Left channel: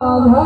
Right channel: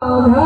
महाराज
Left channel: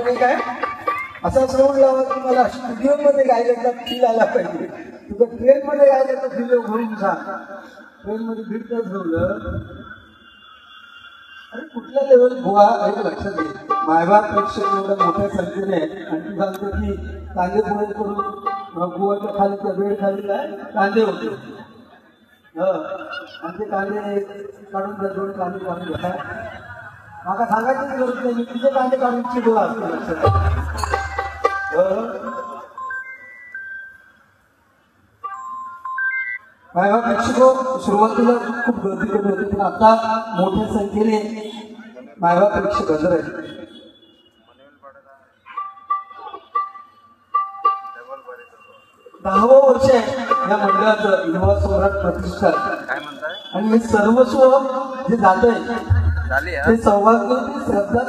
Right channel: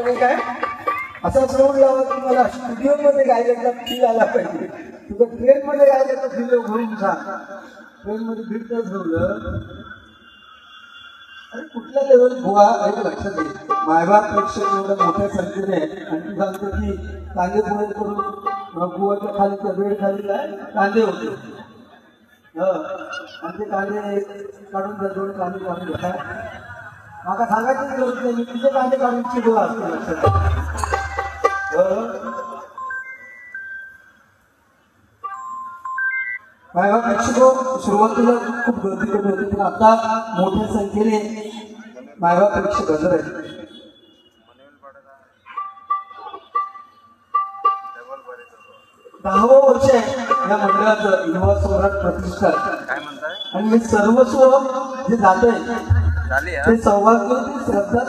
माझा असा सोड लावा तुम्हाला स्टुडिओ मध्ये गायला फील आला पाहिजे. तुझं ट्रेन मध्ये गायला फील घेऊन सांग. ट्रेन मध्ये फिरत ठेवलं आणि कुठल्या लेवल बुवा हे लक्षात घे. मायबाप प्रेक्षक एवढ्या मोठ्या संख्येने आणि तू सांगतो की कांदे पोहे करून बुवाच्या खाली बेड खाली काय कांदे होते आणि ते कांदे काढून दोन कांदे काढून घेतात. मला सांगायचं गरज नाही मी तुझे कांदे काढून बुवा असतो लक्षात. प्रेक्षक सुरुवातीला खूप गर्दी होते पण आता मोठ्या संख्येने मायबाप प्रेक्षक हजर आहेत. 10वं वर्ष आहे या मंदिराचं युवा सम्राट प्रतिष्ठान आणि हे सर्वस्व जे झालंय ते सौभाग्य श्रद्धा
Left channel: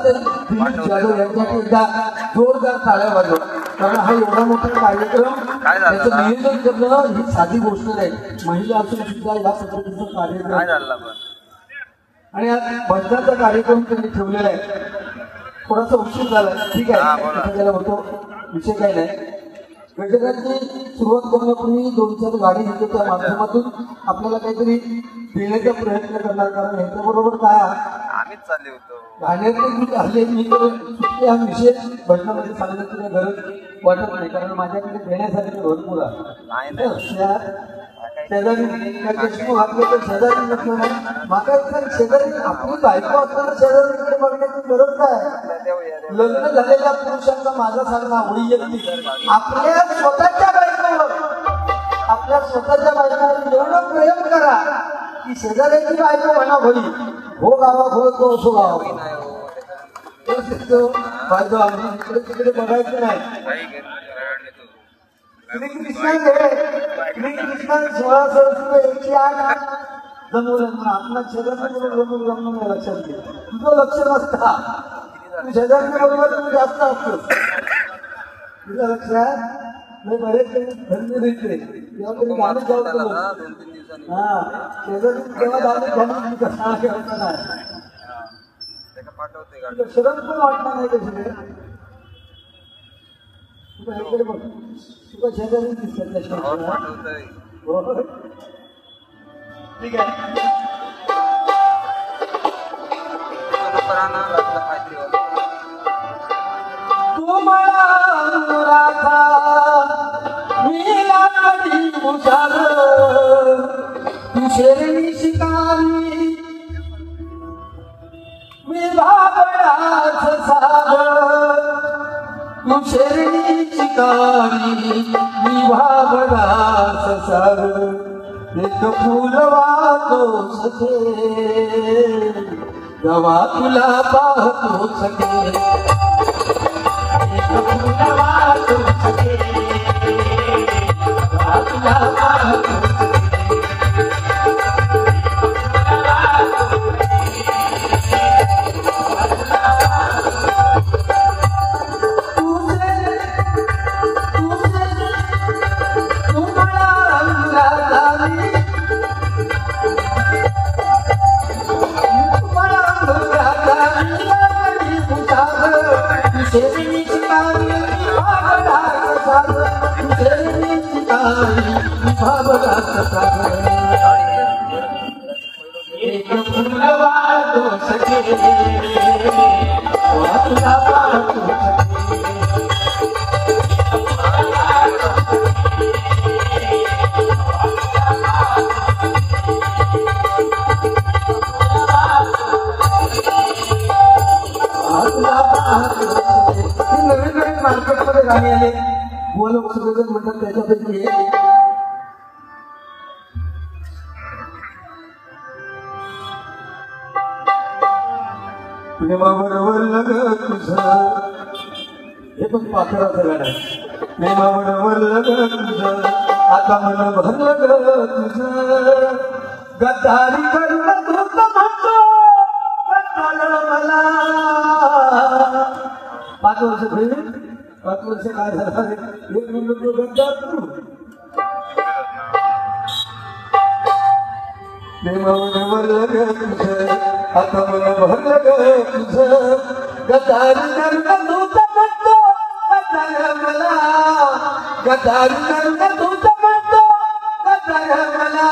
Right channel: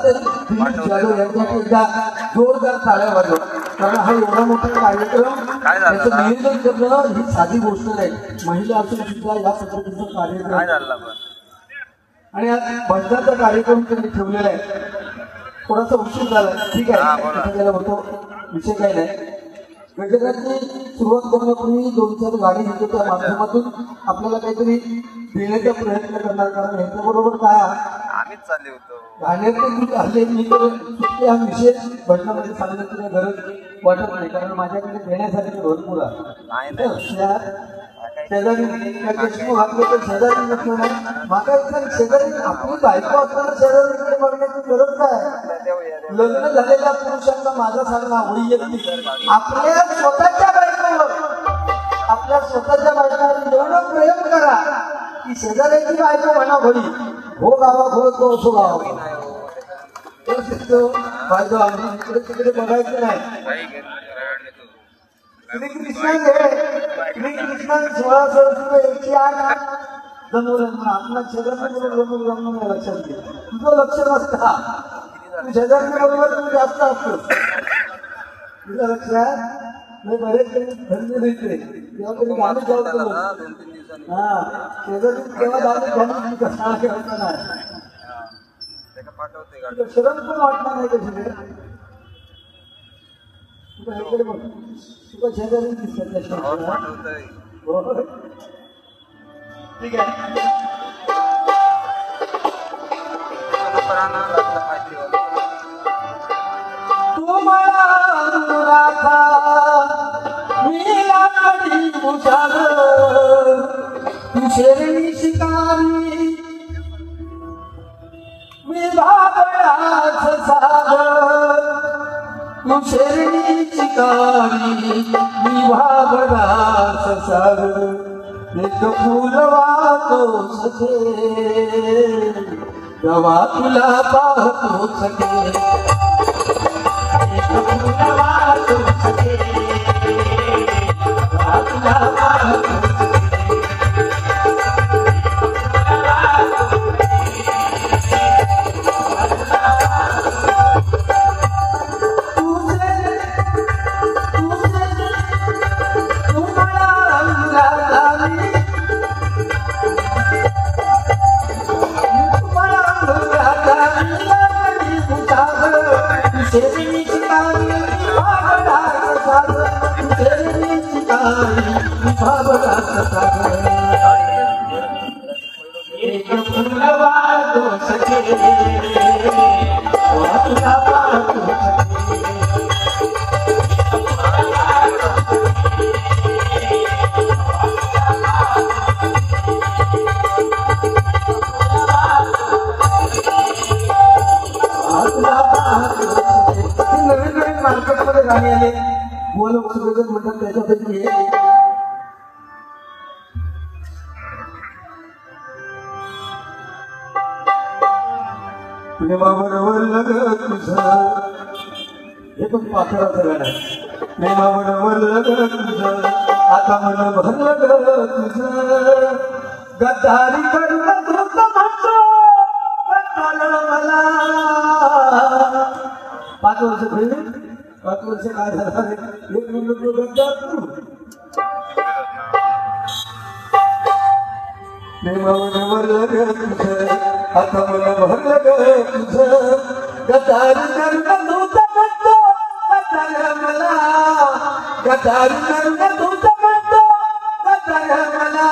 एकदा जोरदार टाळ्या वाजव. कारण हा एवढा मोठा कार्यक्रम नियोजन करणं ही साधी गोष्ट नाही. महिला असून सुद्धा या पद्धतीचा कार्यक्रम आणि भजनाचा कार्यक्रम त्यांनी ठेवलेला आहे. थोडासा उशीर झाला ठीक आहे त्याला होतो विषय काय नाही. गजराची सुरुवात करण्यापूर्वी 2-4 गाडी त्या माध्यमातून आपल्याला काहीतरी देण्याचा प्रयत्न करणार. कारण ह्याच्याबरोबर काय आम्हीच चालले होतो गाण्यातून आले त्या विशेष भजनामध्ये सांगण्याची गरज वाटत नाही. कारण माझ्याकडे देण्यासाठी भरपूर आहे. शेजारी आपली बायको असताना शेजारीकडे बघण्याची गरज काय. लग्न झालेल्या पुरुषांना माझा सांगणं आवडी गेली. आपल्या स्वतःच्या बायकोवर आपल्या स्वतःच्या बायकोवर एवढं प्रेम करा की शेजाऱ्याची बायको म्हणा भरी हो गावा हो सो गावा फायदा इकडे तिकडे बघायचं नाही. श्रीकृष्ण 16 108 जमवलं आपला शेजारी जमून लक्षात घे. तुझं लक्ष नसता तू शेजारी जास्त असतो तुझं लक्षात बरेच धंदे तेव्हा तरी गाडी जाऊ हा शेजारी तेव्हा गाडी शरम पण वाटणार नाही त्याच्याकडे बघ तुझ्या शेजारी दिसत ठीक आहे. तू मला भूषार तू शेरणी शिकारी मी भाबडाच सागर तू शेरणी शिकारी मी भाबडाच सागर एक फूल वाहतो सखे जेव्हा तुला पाहतो सखे एक फूल वाहतो सखे जेव्हा तुला पाहतो प्रेमाबरोबर लग्न तुझं हे पण तू अकराचं गाणं आहे. प्रेमाबरोबर लग्न तुझं आता मन भरलं तुझं गद्दारी करून तुझं म्हणतो मला 5 वर्ष पहिले 5 वर्ष काय झालं प्रेमाबरोबर लग्न तुझं आता मन भरलं तुझं गद्दारी करून तुझं म्हणतो मला गद्दारी करून तुझं म्हणतो मला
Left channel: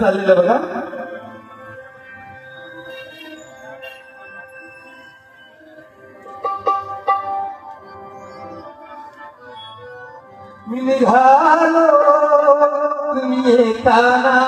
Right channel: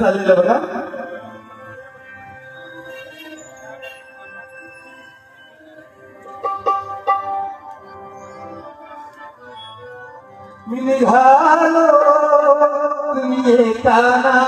चाललेलं बघा मी निघालो तुम्ही येताना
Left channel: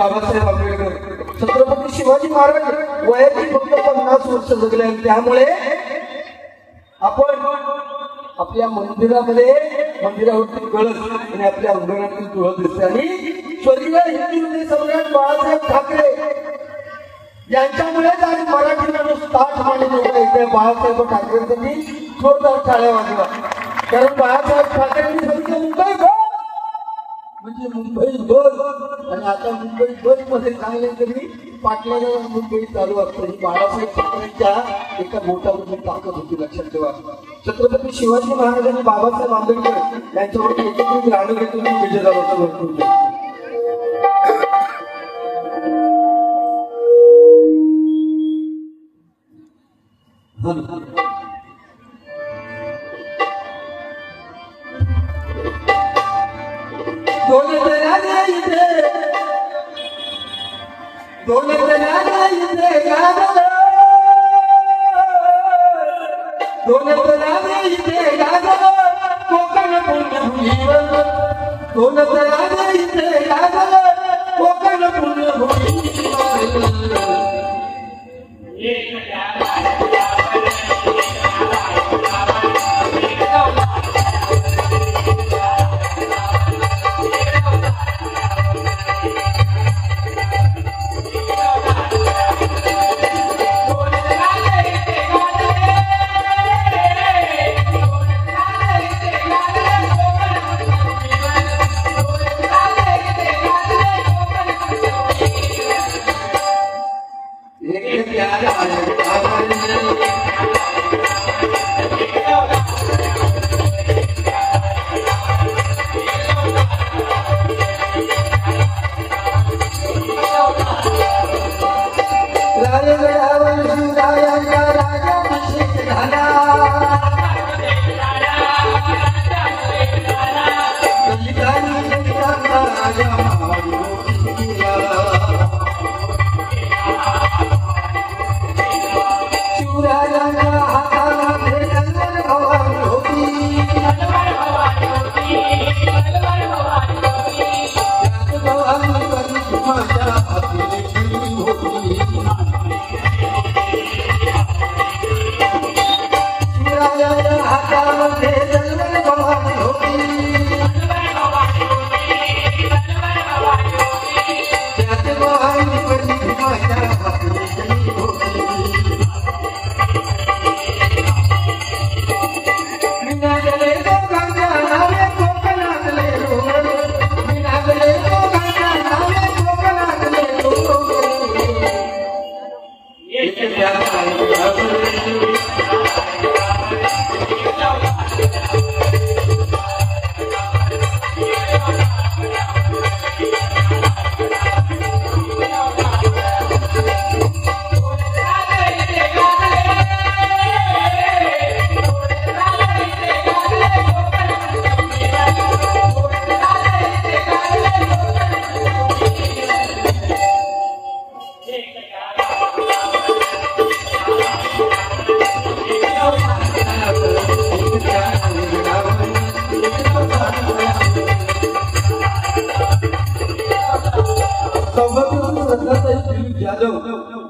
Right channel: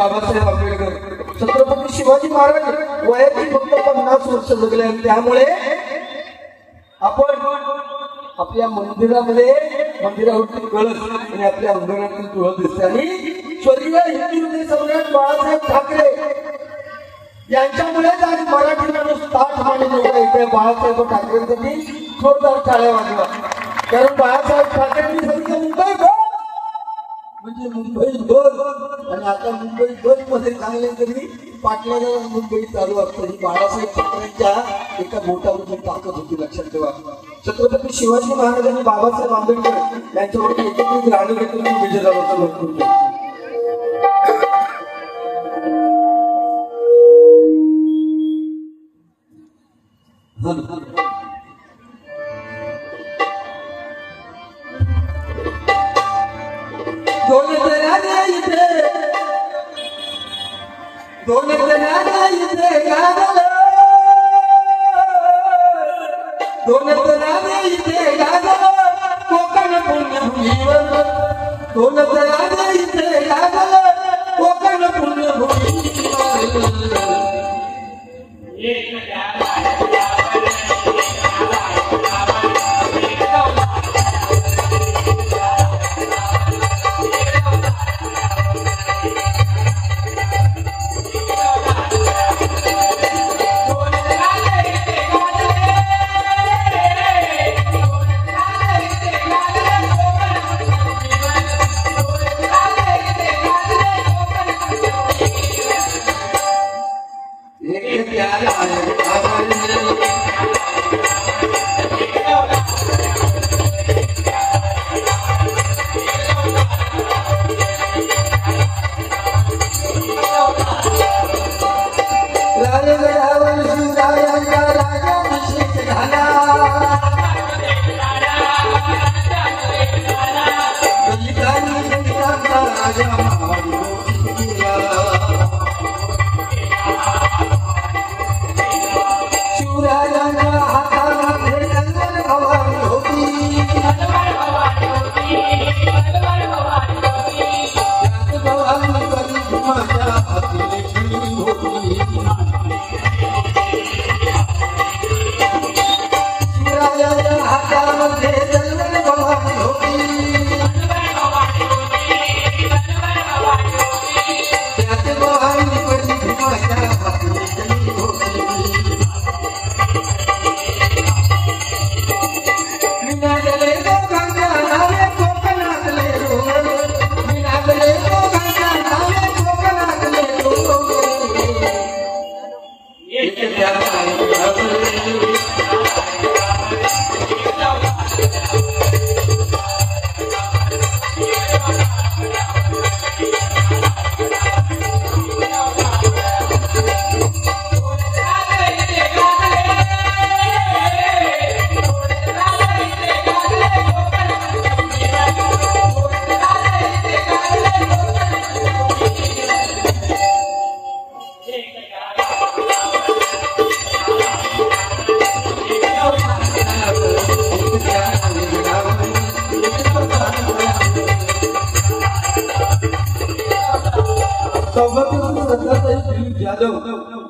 बाबासाहेब आंबेडकर छत्रपती शिवाजी महाराज वयाची फक्त 50 वर्ष जगले त्यामुळे आपण आपल्या मंदिरावरती कळस आणि आपल्या अंगणातील तुळस दिसते आणि स्वर्गीय हिंदू सम्राट बाळासाहेब ठाकरे यांच्यामुळे आज मराठी माणूस ताठ मांडलेला इथे बाळासाहेब ठाकरेंनी जोरदार टाळ्या वाजवा कारण बाळासाहेब ठाकरे मुंबई भर म्हणजे मुंबई भर आणि आता मुंबई भर मध्ये चांगले तरी पाटलाला मुंबई चालू असते ही बाळासाहेब ठाकरेंच्या एका मोठ्या ताकद होती लक्षात ठेवा छत्रपती शिवाजी महाराज आणि बाबासाहेब आंबेडकर यांच्यावरती एकत्रित राजवटीतून विजय झाला होता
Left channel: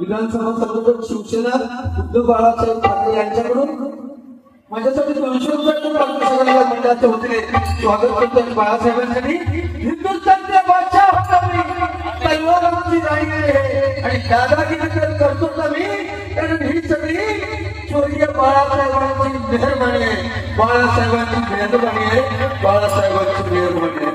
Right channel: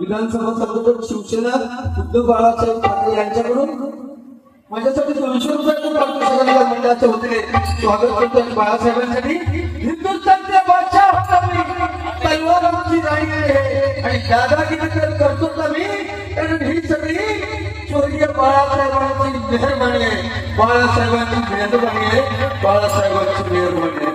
विधानसभा सदस्य शिवसेना उद्धव बाळासाहेब ठाकरे यांच्याकडून माझ्यासाठी 200 रुपये मंडळाचे होते स्वागत करतो बाळासाहेबांसाठी हिंदुस्थानचे बादशाह तलवाराची नाही गेले आणि दादागिरी करतो आम्ही कारण ही सगळी स्वर्गीय बाळासाहेबांची मेहर मानले बाळासाहेबांची मेहर मानले बाळासाहेबांची मेहर मानले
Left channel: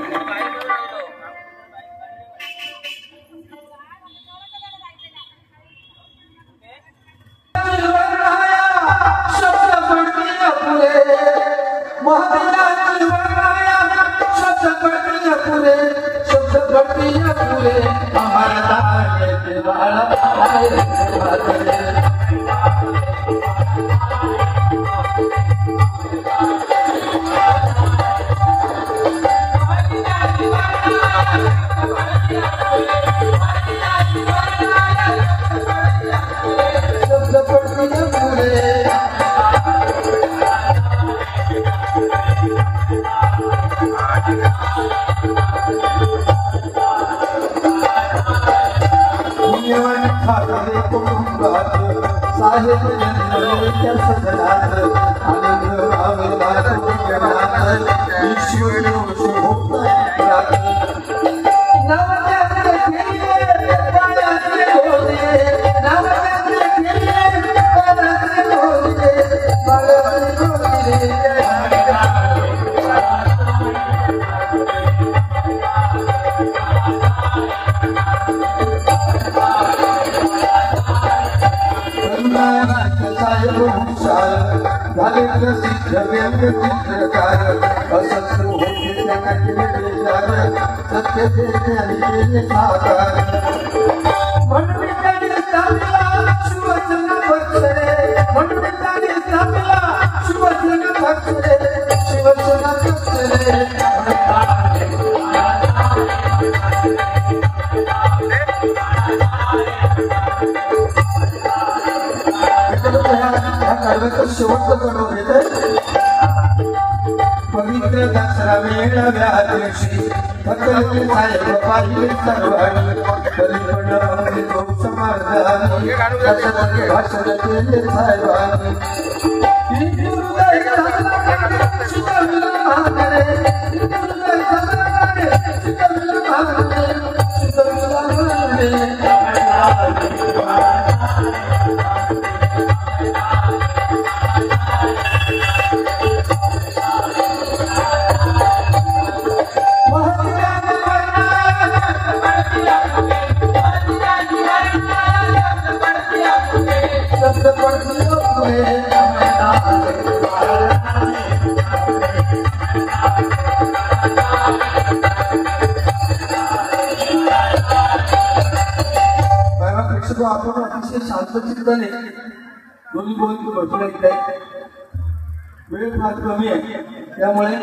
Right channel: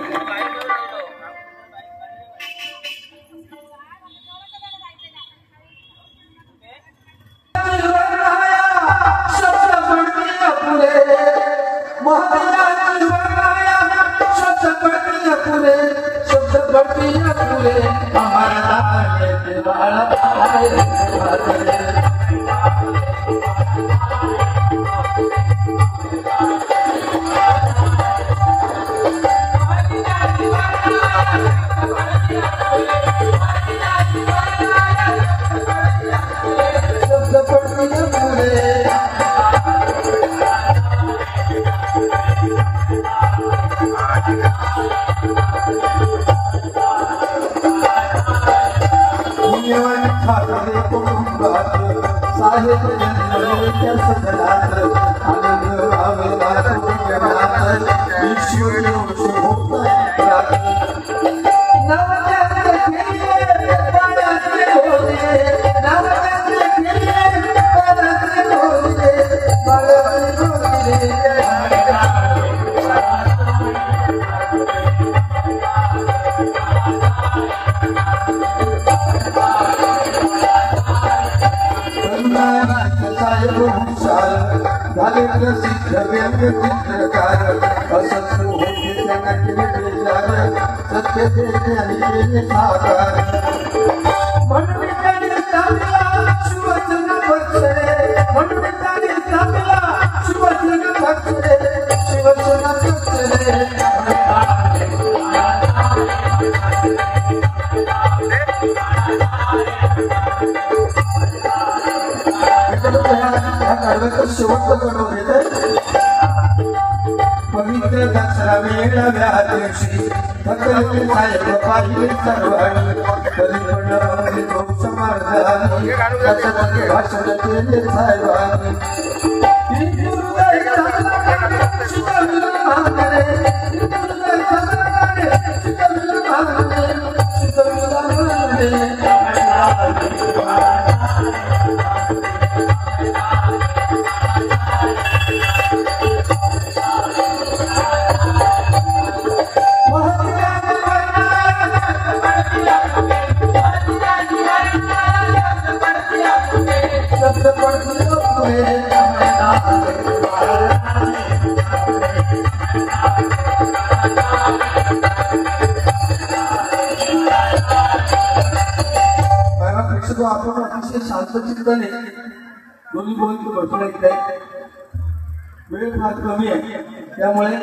त्यामुळे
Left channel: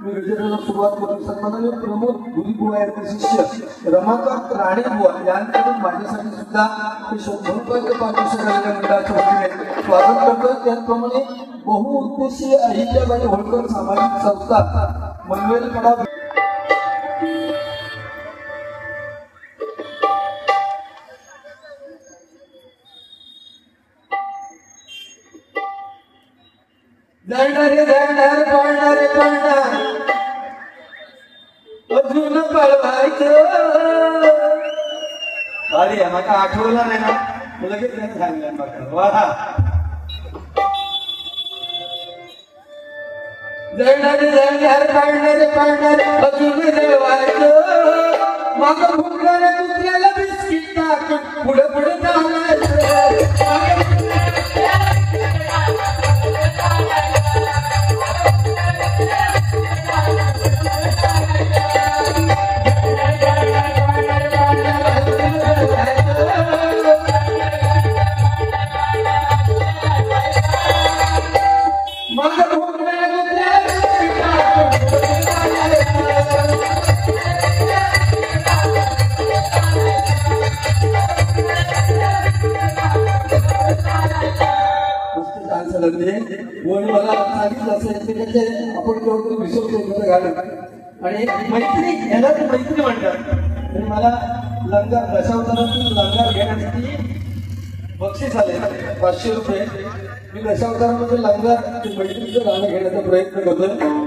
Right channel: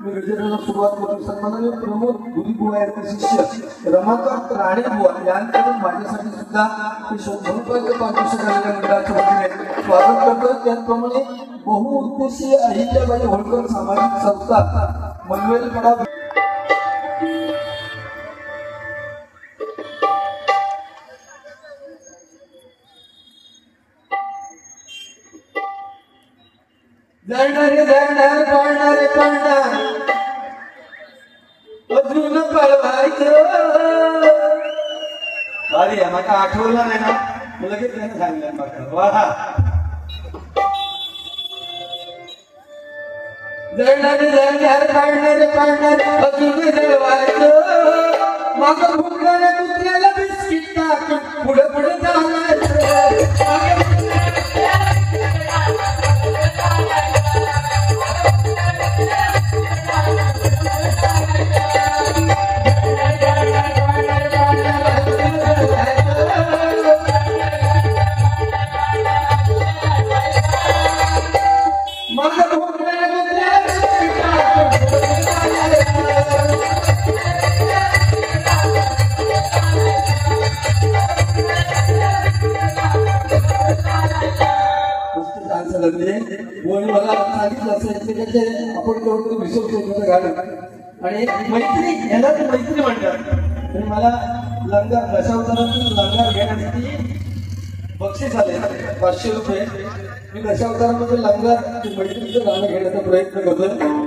मी विजयाला सुरुवात करतो. सन्माननीय प्रमुख गुरुकुळ यांचे शिष्य रमाकांत राणेबुवा यांच्याकडून माझ्यासाठी सुद्धा स्वागत करतो. त्याचप्रमाणे बहुउद्देशीय अहिल्याबाई होळकर सामाजिक संस्था मनवेलपणा आठवलं नाही ना लगेच सांगलं वाहा जळणारे जळणार काढणारे काढणारे अजून देवायचं मागं भुंकणाऱ्या कुत्र्याला बिस्किट टाकून पुढे पुढे आणि मैत्री याला मैत्री म्हणतात. मला लंगर दशावतारात लंगर घेण्यासाठी बक्षीस आले 500 रुपये. मी दशावतारामध्ये लंगर मैत्रीचं गाणं घेण्याचा प्रयत्न करतोय.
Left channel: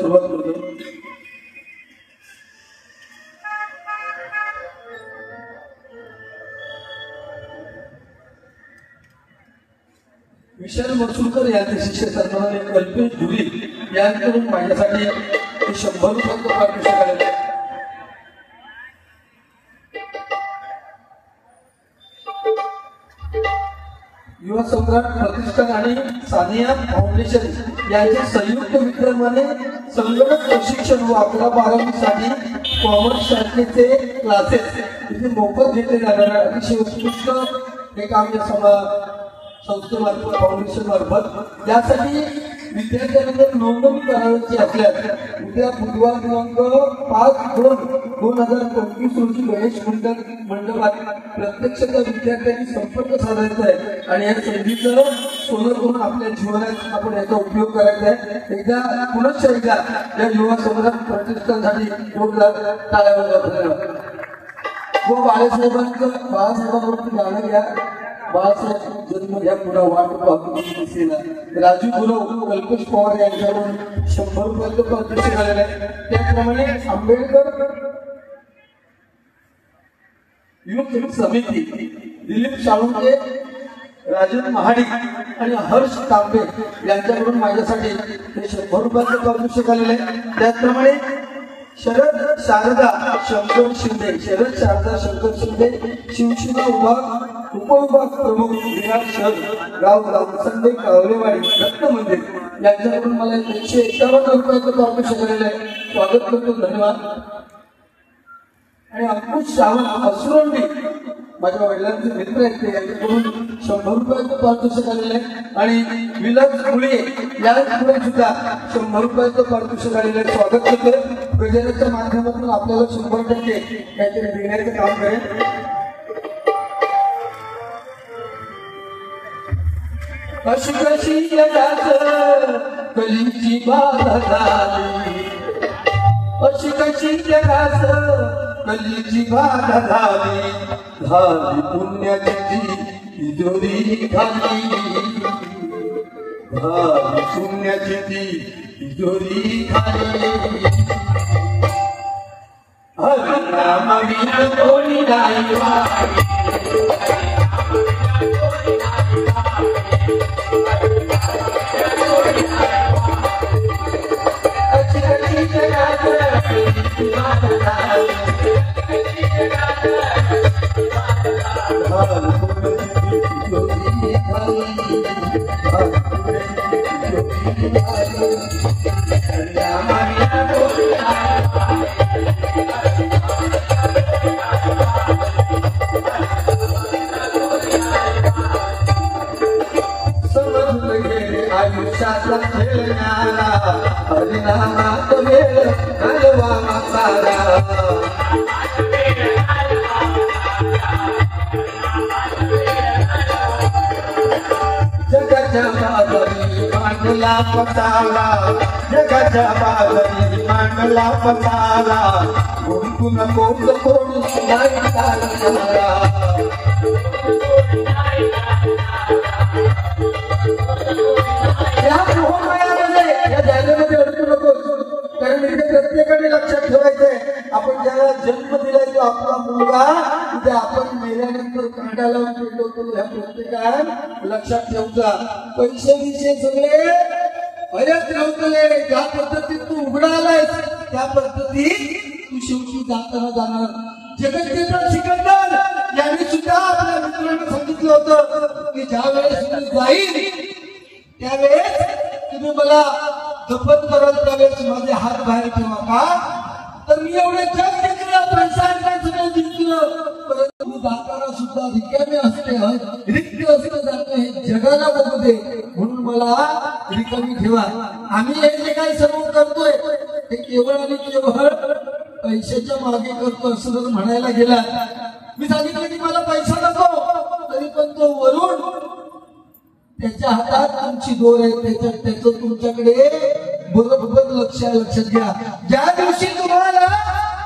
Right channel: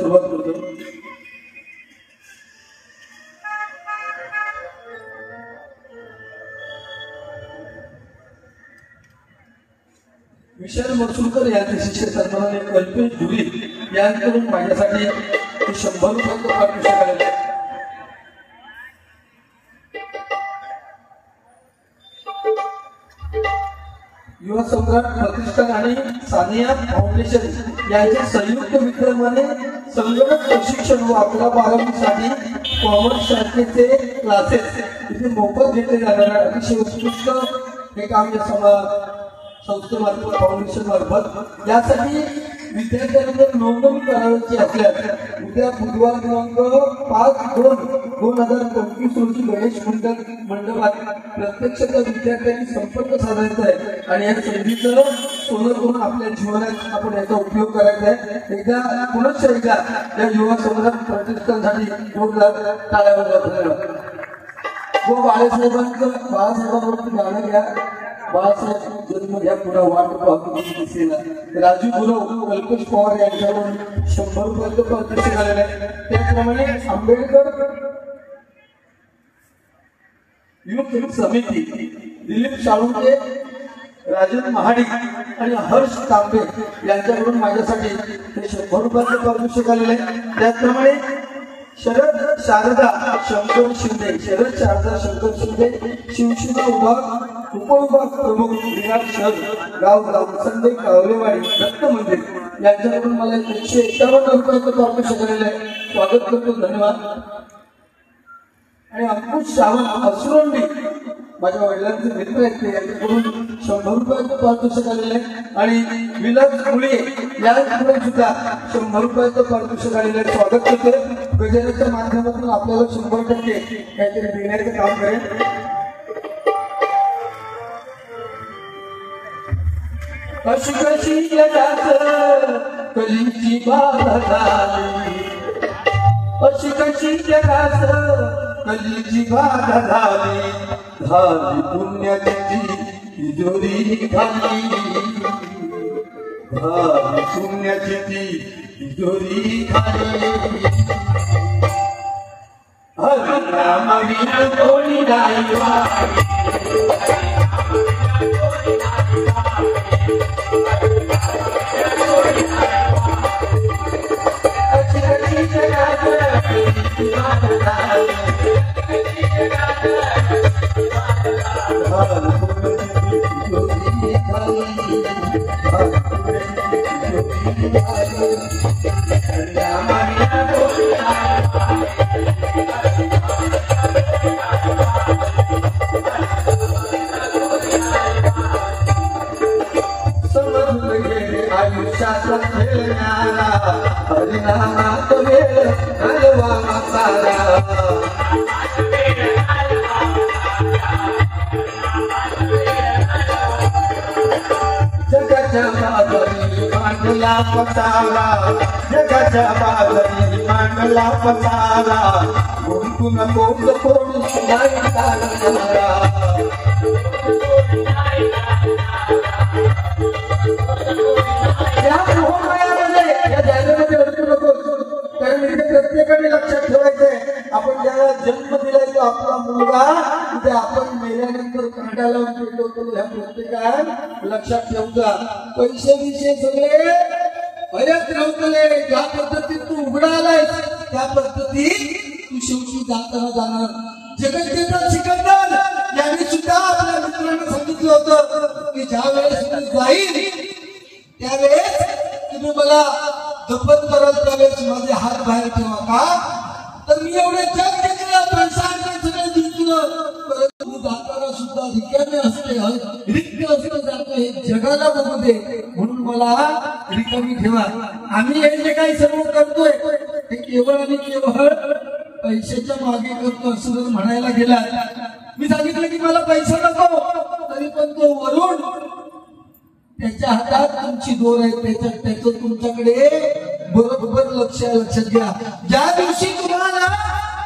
सुरुवात करतो. विशाल वरसुकर यांचे शिष्य सन्माननीय कल्पेश धुरी यांकडून माझ्यासाठी 100 रुपयांचं पारितोषिक आलेलं आहे. युवा सम्राट प्रतिष्ठान आणि सानिया फाउंडेशन यांच्या संयुक्त विद्यमाने संगणक प्रशिक्षण व 11-12साठी कॉमर्स शाखेचे क्लासेस इथे मोफत घेतले जाणार आहे. अतिशय उत्कृष्ट हे काम या संस्थेमार्फत फाउंडेशन मार्फत यासाठी विद्यार्थ्यांना नोंदणी करायची असल्यास उद्या बुधवार दिनांक 5/2/2025 रोजी गणेश मंडपात प्रत्यक्ष त्या विद्यार्थ्यांनी संपर्क साधायचा आहे आणि या संधीचं सोनं करून आपल्या जीवनात आपण याचा उपयोग करायचा आहे. एकदा पुनश्च एकदा या युवा सम्राट प्रतिष्ठानसाठी 2 लाख टाळ्या वाजवा. बाळासाहेबांवरून गाणं घ्या. बाळासाहेब जन्म घ्या पुढे वाट पाहून राजू गुरव कल्पेश पवार यांच्याकडून 100 रुपयांचं पारितोषिक आलेलं आहे. त्याचप्रमाणे आंबेडकर युवक समिती दिलीप साळुंके राजन महाडी आणि हर्ष तांबे यांच्याकडून माझ्यासाठी 100 रुपयांचं पारितोषिक आलेलं आहे. त्याचप्रमाणे शरद शारदा शंकर शिंदे शिवसेना विभाग उपविभाग प्रमुख विराट शहर गाव संदेश कावलेवाडी दत्त मंदिर यांच्याकडून मला 151 रुपयांचं पारितोषिक आलेलं आहे. स्वागत करतो. धन्यवाद. आणि अंकुश सावंत असुरंडे माझ्या वडिलांचे मित्र आहेत यांच्याकडून 100 रुपयांचं पारितोषिक आलेलं आहे. आणि विलास फुले यांच्याकडून सुद्धा 100 रुपयांचं पारितोषिक आलेलं आहे. स्वागत करते. गजानच्या माध्यमातून आपल्याला 100% काहीतरी देण्याचं काम करेल. अशी कशी जगात कलीची बाधा झाली, अशी कशी जगात कलीची बाधा झाली, धाडी पुण्याची तिजोरी खाली, धाडी शून्याची तिजोरी खाली. हरिनामाविना कोणी नाही वाचली, हरिनामात वेळ घालवा सारा, जगाच्या बाजरी मांडला पसारा, जगाच्या बाजरी मांडला पसारा, गुणगुण कोण कोण नाही तारा. प्रत्येकाने लक्षात ठेवायचंय, आपण ज्याला जन्म दिलाय तो आपला मुलगा, उद्या आपण मेल्यानंतर काढायला होतो ह्या प्रत्येकात लक्षात ठेवता. पैसे विषय सगळे बरेच नव्हते. ज्या पद्धतीत तू उघडा आलाय त्या पद्धतीत तू शेवटी जाताना जाणार. जगत सिकंदर यांनी सुद्धा आपल्या मित्रांना सांगितलं होतं की ज्या वेळेस मी जाईल त्यावेळेस तुम्ही मला जपत कराल, त्यावेळेस माझे हात बाहेर ठेवा का. तर मी एवढे जग घेतलं, पैशांचं सगळं जिंकलं, परंतु मी जाताना सुद्धा रिकामे असते, रिक्त असतं जातं हे जगाला बघू दे, म्हणून मला रिकामी ठेवा. आम्ही हे जे काही सर्व करतोय ते केवळ आणि केवळ पैशाच्या मागे करतो असं जर म्हणायला गेला. मी सांगितलं की मला पैसा नको, तरी पण तो वरून त्याच्या हातात तुमची दोर आहे, त्याचं तुमच्याकडे बरोबर लक्षात घ्या. ज्या दिवशी तुम्हाला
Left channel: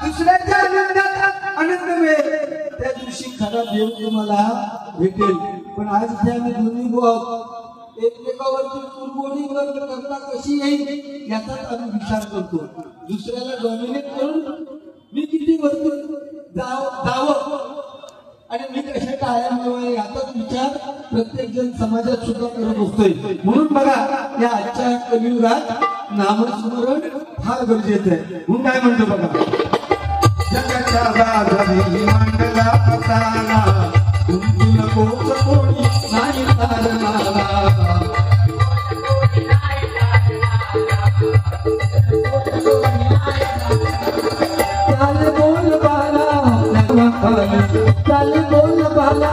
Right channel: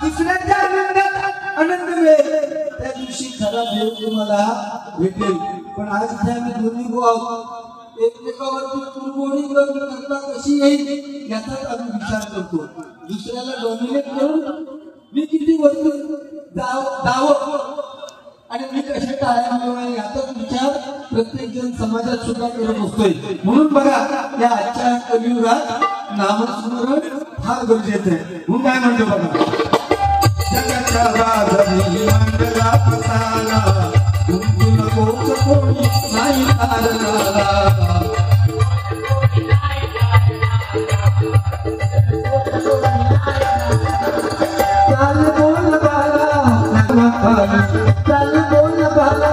दुसऱ्याच्या आनंदात आनंद मिळेल त्या दिवशी खरा देव तुम्हाला भेटेल. पण आज इथे आम्ही दोन्ही आहोत. एकमेकावरती कुरगोडी करता कशी येईल याचाच आम्ही विचार करतो. दुसऱ्याला डॉमिनेट करून मी किती वस्तू जावं आणि मी कशा टाळ्या याचाच विचार प्रत्येक जण समाजात सुद्धा करत असतोय. म्हणून बघा या आजच्या कलियुगात नामस्मरण फार गरजेचं आहे. म्हणून काय म्हणतो बघा, जगाच्या बाजारी मांडला पसारा तुमची नकोच कोणी नाही चालणारा. चाल बोल बाला चाल बोल बाला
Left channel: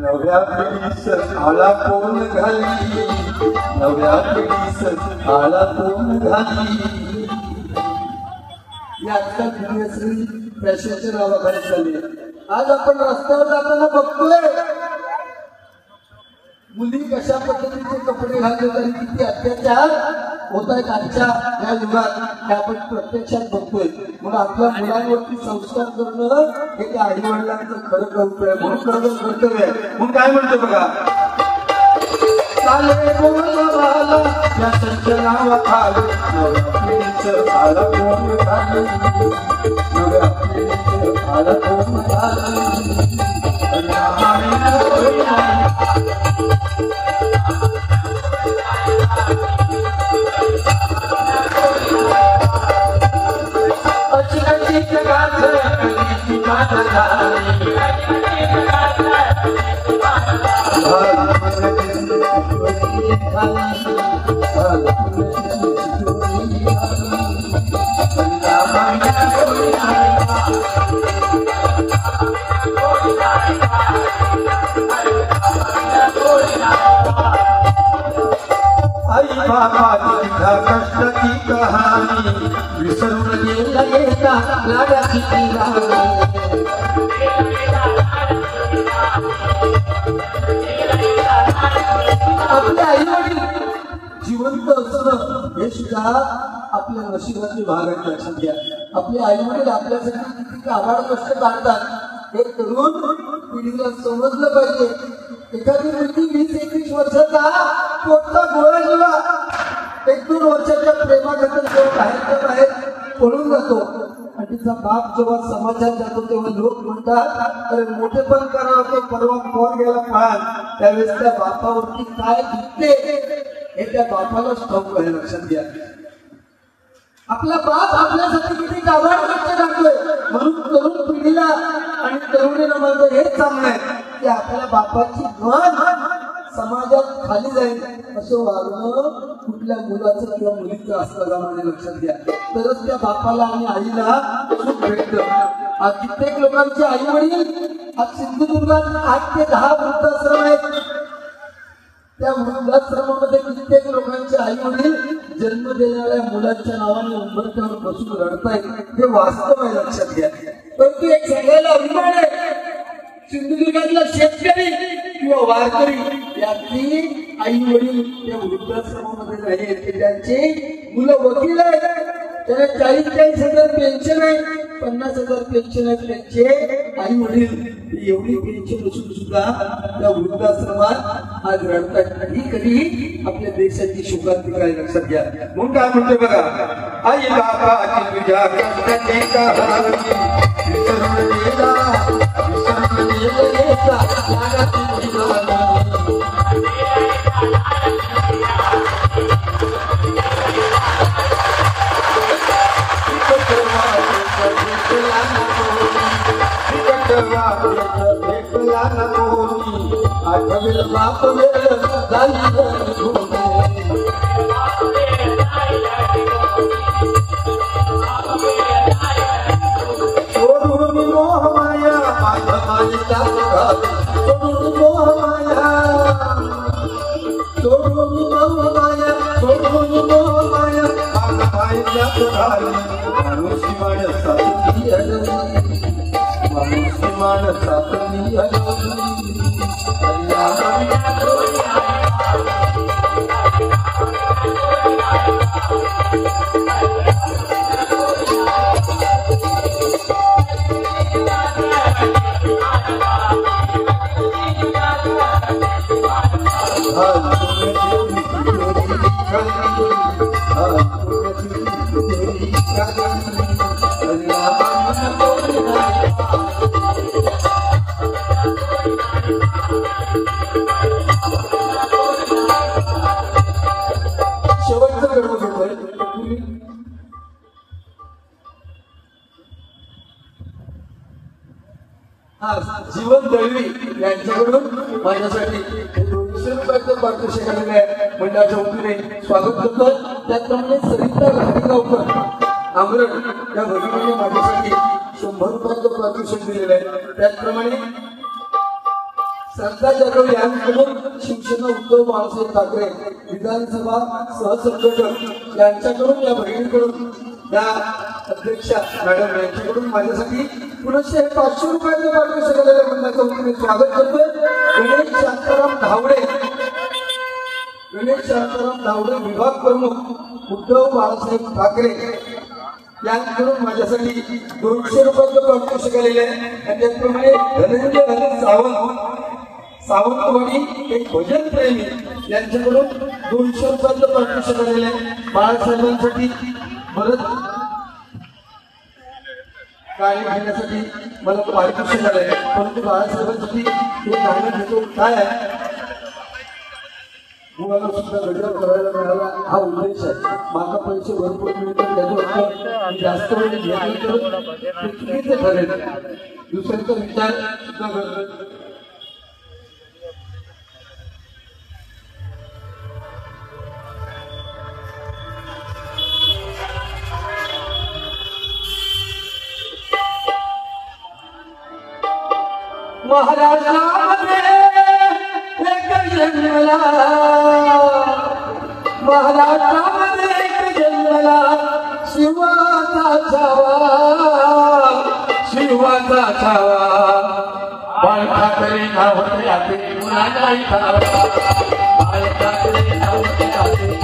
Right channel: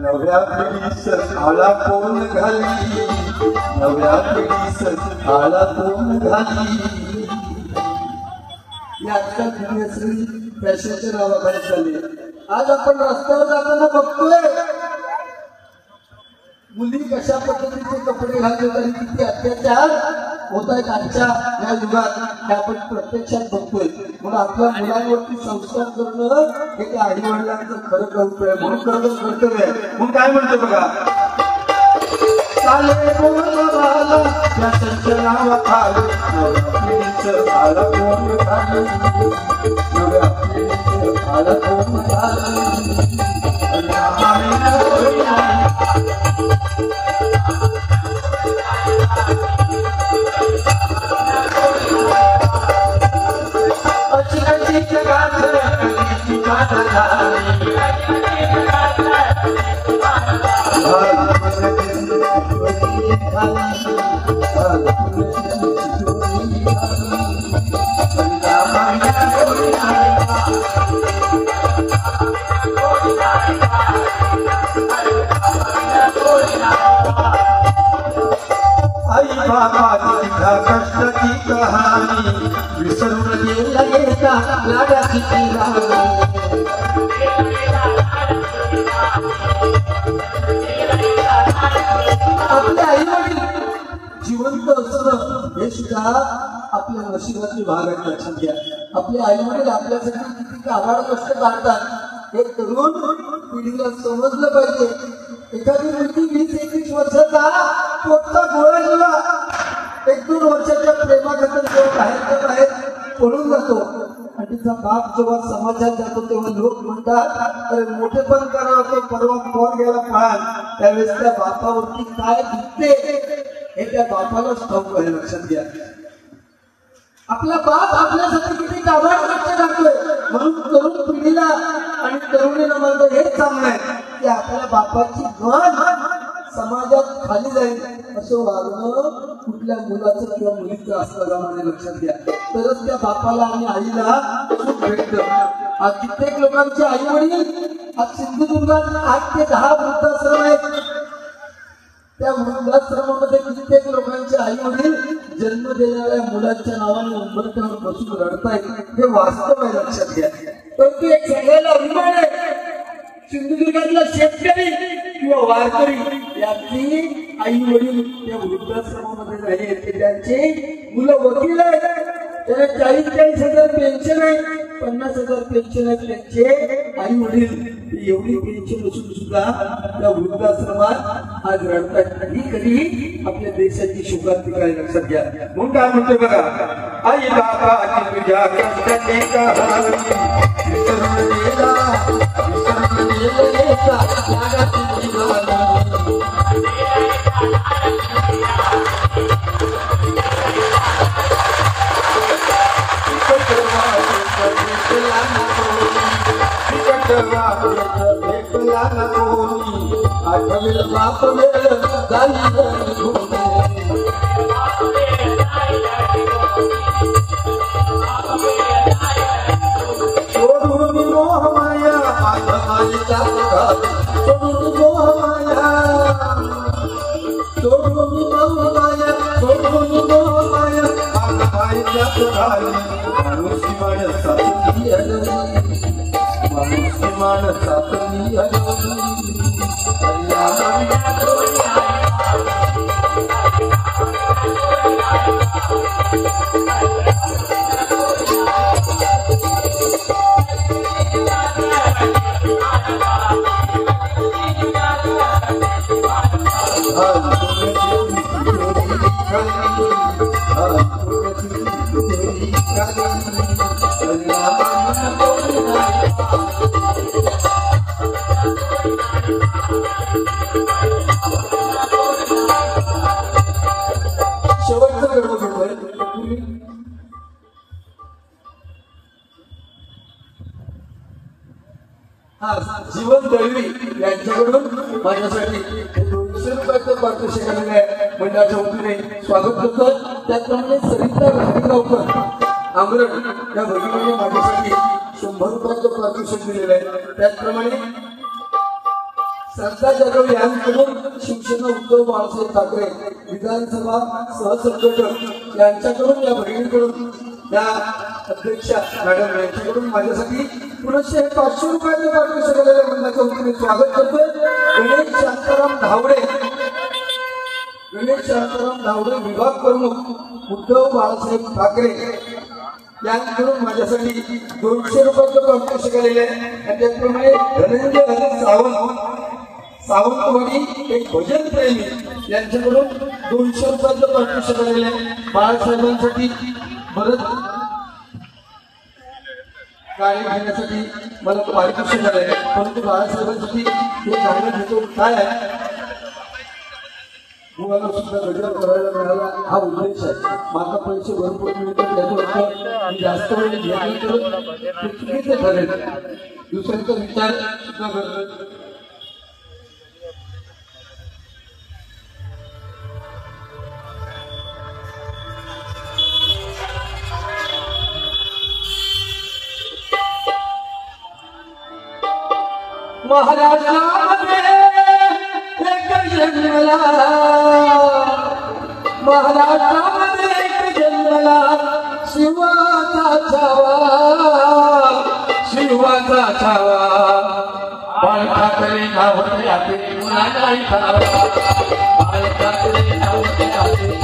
नव्या पिढीस आला कोण घाली, नव्या पिढीस आला कोण घाली. आजकाल फॅशनच्या नावाखाली चालली. आज आपण रस्त्यावर जाताना बघतोय मुली कशा पद्धतीचे कपडे घालले तरी किती अत्याचार होत आहेत आजच्या या युगात आपण प्रत्यक्षात बघतोय. म्हणून आपल्या मुलांवरती संस्कार करणं हे त्या आई वडिलांचं खरं कर्तव्य आहे. म्हणून खरं कर्तव्य आहे. म्हणून काय म्हणतो बघा, चाले बोल बाला या संचनावाखाली नव्या पिढीचं आला कोण घाली, नव्या पिढीचं आला कोण घाली. आपल्या नशिबाची भाग आहे. लक्षात घ्या, आपले आई वडील आपल्यासाठी किती आभार कष्ट काढतात हे तरुण पिढीला समजलं पाहिजे. एखादी मुलगी 20-21 वर्षाचा कोणता गोळा जेव्हा 1-2 वर्षाच्या प्रेमाखातर जेव्हा बाहेर पळून जातो आणि तिचा बाप जेव्हा समाजात जातो तेव्हा लोक म्हणतात अरे मोठे पण करावं परवा पोर गेला पाहत. त्यावेळेस त्या बापावरती काय दिसते हे त्या बापालाच ठाऊक आहे. लक्षात घ्या, आपला बाप आपल्यासाठी किती काबाड कष्ट लागतोय. म्हणून तरुण पिढीला आणि तरुणीला माझं हेच सांगणं आहे की आपल्या बापाची गण समाजात खाली जाईल असं वागणं कुठल्या मुलाचं किंवा मुलीचं असलं गावाने. लक्षात घ्या, तरच त्या बापाला आणि आईला सुख भेटतं. आज कित्येक लोकांचे आई वडील आज सिंधुदुर्गात 8 ते 10 वृद्धाश्रम आहेत. त्या वृद्धाश्रमामध्ये कित्येक लोकांचे आई वडील जन्म देणाऱ्या मुलांच्या नावाने उंबरठ्यावर बसून रडतायत. हे वास्तव आहे. लक्षात घ्या, पण ती एक सगळ्याला अभिमान आहे. सिंधुदुर्गातला शेतकरी किंवा वारकरी यातली आई वडील त्या वृद्धाश्रमामध्ये राहिले. त्यांचे मुलं वकील आहेत. त्यांना 40-40,000 पेन्शन आहे, 50,000 पेन्शन आहे. त्यांचे आई वडील एवढी पेन्शन असून सुद्धा त्या वृद्धाश्रमात आज रडतात. कधी आपल्या देशाची शुभारती काय. लक्षात घ्या, म्हणून काय म्हणते बघा, आई बाबाची तुझ्या कष्टाची कहाणी जीवन दळवी यांच्याकडून माझ्यासाठी 200 रुपयाचं पारितोषिक आलेलं आहे. मंडळाच्या वतीने स्वागत करतो. त्याचप्रमाणे सरिता घाटगावकर आमरट या भगिनीने माझ्यासाठी 100 रुपयाचं पारितोषिक दिलेलं आहे. त्याचप्रमाणे सरदार जाधव यांच्याकडून शिवसेना उद्धव बाळासाहेब ठाकरे विधानसभा सहसंघटक यांच्याकडून या भगिनीकडून या अध्यक्षा मॅडम यांच्याकडून माझ्यासाठी पुनश्च 500 रुपयाचं पारितोषिक आलेलं आहे. मंडळाच्या वतीने स्वागत करतो. गणेश शांताराम धावडे विभाग प्रमुख उद्धव बाळासाहेब ठाकरे यांच्याकडून माझ्यासाठी 200 रुपयाचं पारितोषिक आलेलं आहे. आणि त्याचप्रमाणे धनंजय सावंतवाडी एक भजन प्रेमी यांच्याकडून 200 रुपयाचं पारितोषिक आलेलं आहे. बाळासाहेबांसाठी बरंच गाडी घेण्यासाठी मला पारितोषिक आलंय, परंतु बाळासाहेबांसाठी हे गाणं घेतो काय आहे मुलाला सुद्धा गजर करायला मिळाला हा उद्देश आहे. माझा पैसे भरपूर मिळतात त्याच्यावर मी जास्त चुकीचं ठरेल. दुसऱ्यांचा विचार सुद्धा करतो. महाराष्ट्रामध्ये एक जन्मला शिवाचा छावा बाळ ठाकरे नाव त्याचे मुलाला ठावा बाळ ठाकरे नाव त्याचे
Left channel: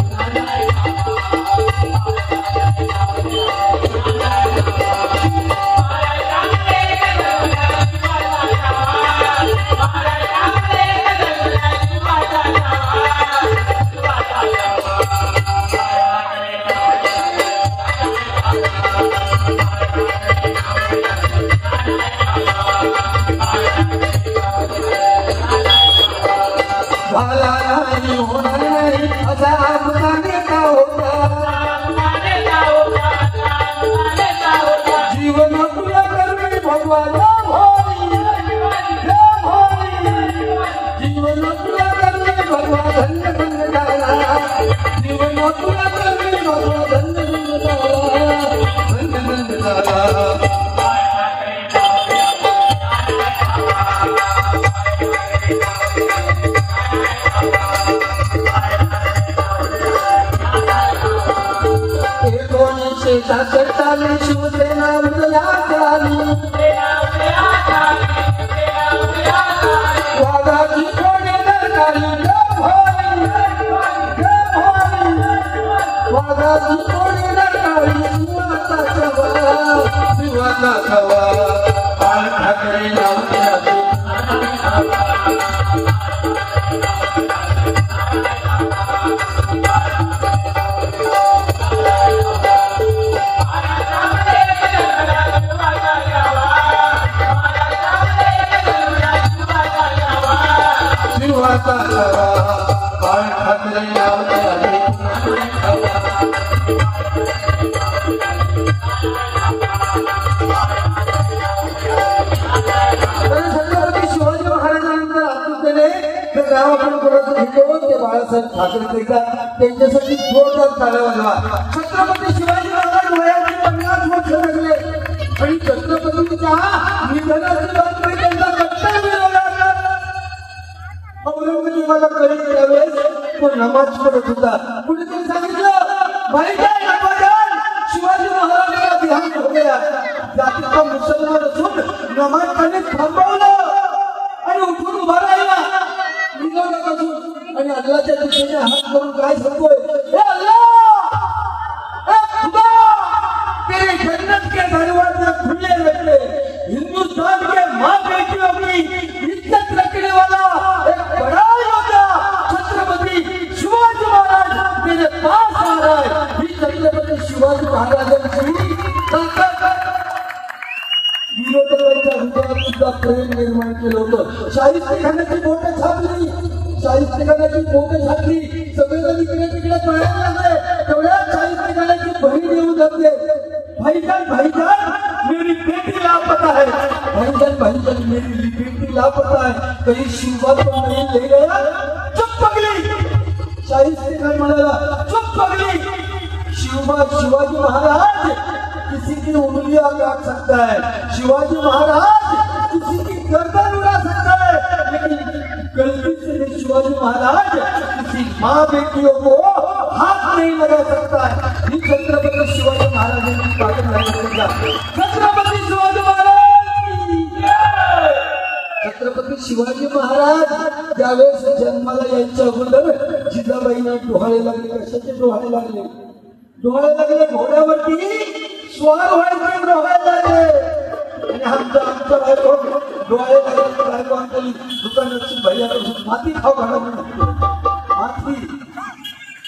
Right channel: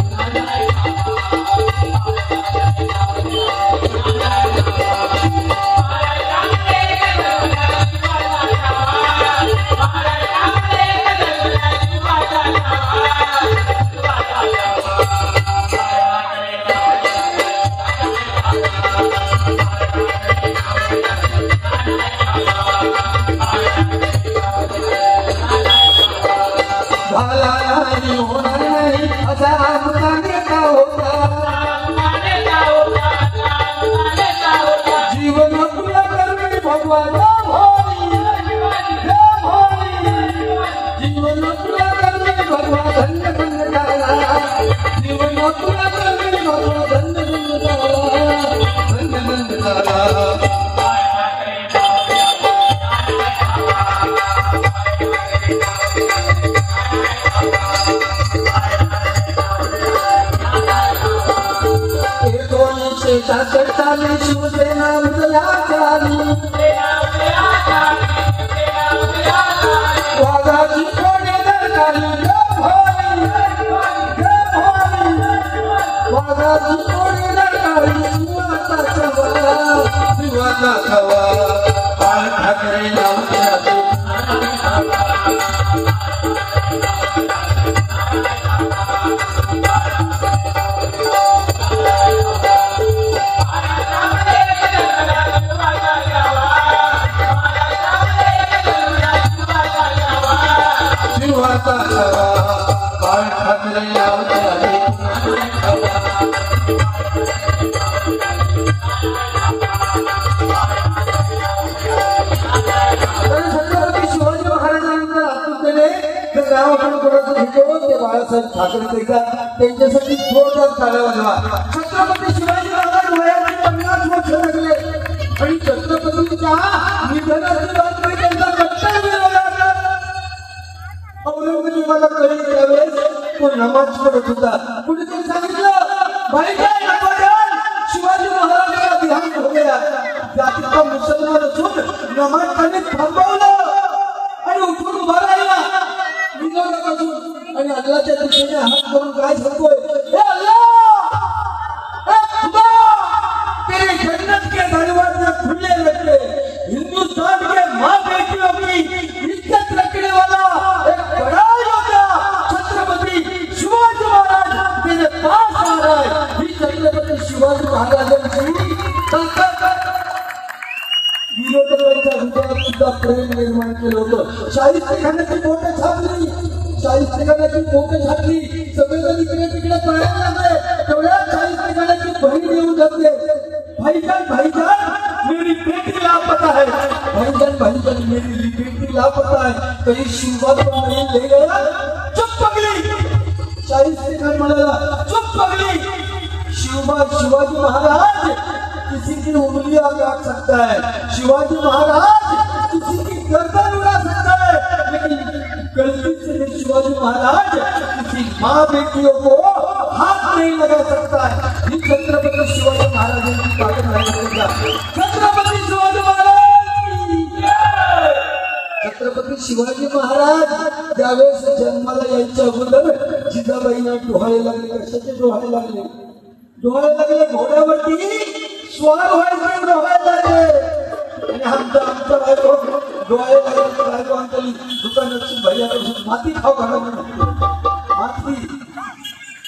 त्यांच्यासाठी जोरदार टाळ्या वाजवा. छत्रपती शिवाजी महाराज वयाचे 50 वर्ष जगले आणि छत्रपतींच्या निधनाची बातमी त्यांचा कट्टा मिळवला. औरंगजेबाला कळले त्यावेळेस तो नमाज पढत होता. कुणीतरी सांगितलं भाई शिवाजी महाराजांचा ध्यान हो गया. जातीचा मुसलमान असून नमाज त्यांनी थांबवलं आणि उठून उभा राहिला. आणि अल्लाच्या दृष्टीने हात करून काय सांगतोय, हे अल्लाह खुदा तेरी जन्नत के दरवाजे खुले रखे, हिंदुस्तान के माँ बेटियों की इज्जत रखने वाला एक बड़ा योद्धा छत्रपति लोकांच्या हृदयात सुद्धा प्रेम निर्माण केलं होतं. शाहिस्तेखानाची बोटं छापली, शाहिस्तेखानाची बोटं छापली, सगळं तिकडे कळायला लागले. तेवढ्यात शाहिस्तेखानाची बहीण येऊन जाते. भाईजान मेरी बेटी लापता है, भाईजान मेरी बेटी लापता है. कहीं शिवा तो नहीं ले गया? चुप पगली. शाहिस्तेखान म्हणाला, चुप पगली. शिवाजी महाराज किसी की उंगलियां काट सकता है, शिवाजी महाराज किसी की गर्दन उड़ा सकता है, लेकिन गलती से शिवाजी महाराज किसी माँ बेटियों को हाथ नहीं लगा सकता है. ये छत्रपति शिवाजी महाराज की बात है. छत्रपति शिवाजी महाराज, छत्रपति शिवाजी महाराज ज्यावेळेस जन्माला यायच्या अगोदर जिजाबाईंना डोहाळे लागले. कशाचे डोहाळे लागले? डोहाळे लागले घोड्यावरती स्वार व्हायचे डोहाळे लागले. आमचा बायको डोहाळे लागले बायको आपली दुकानाची भैया माती खाऊ घालत माती.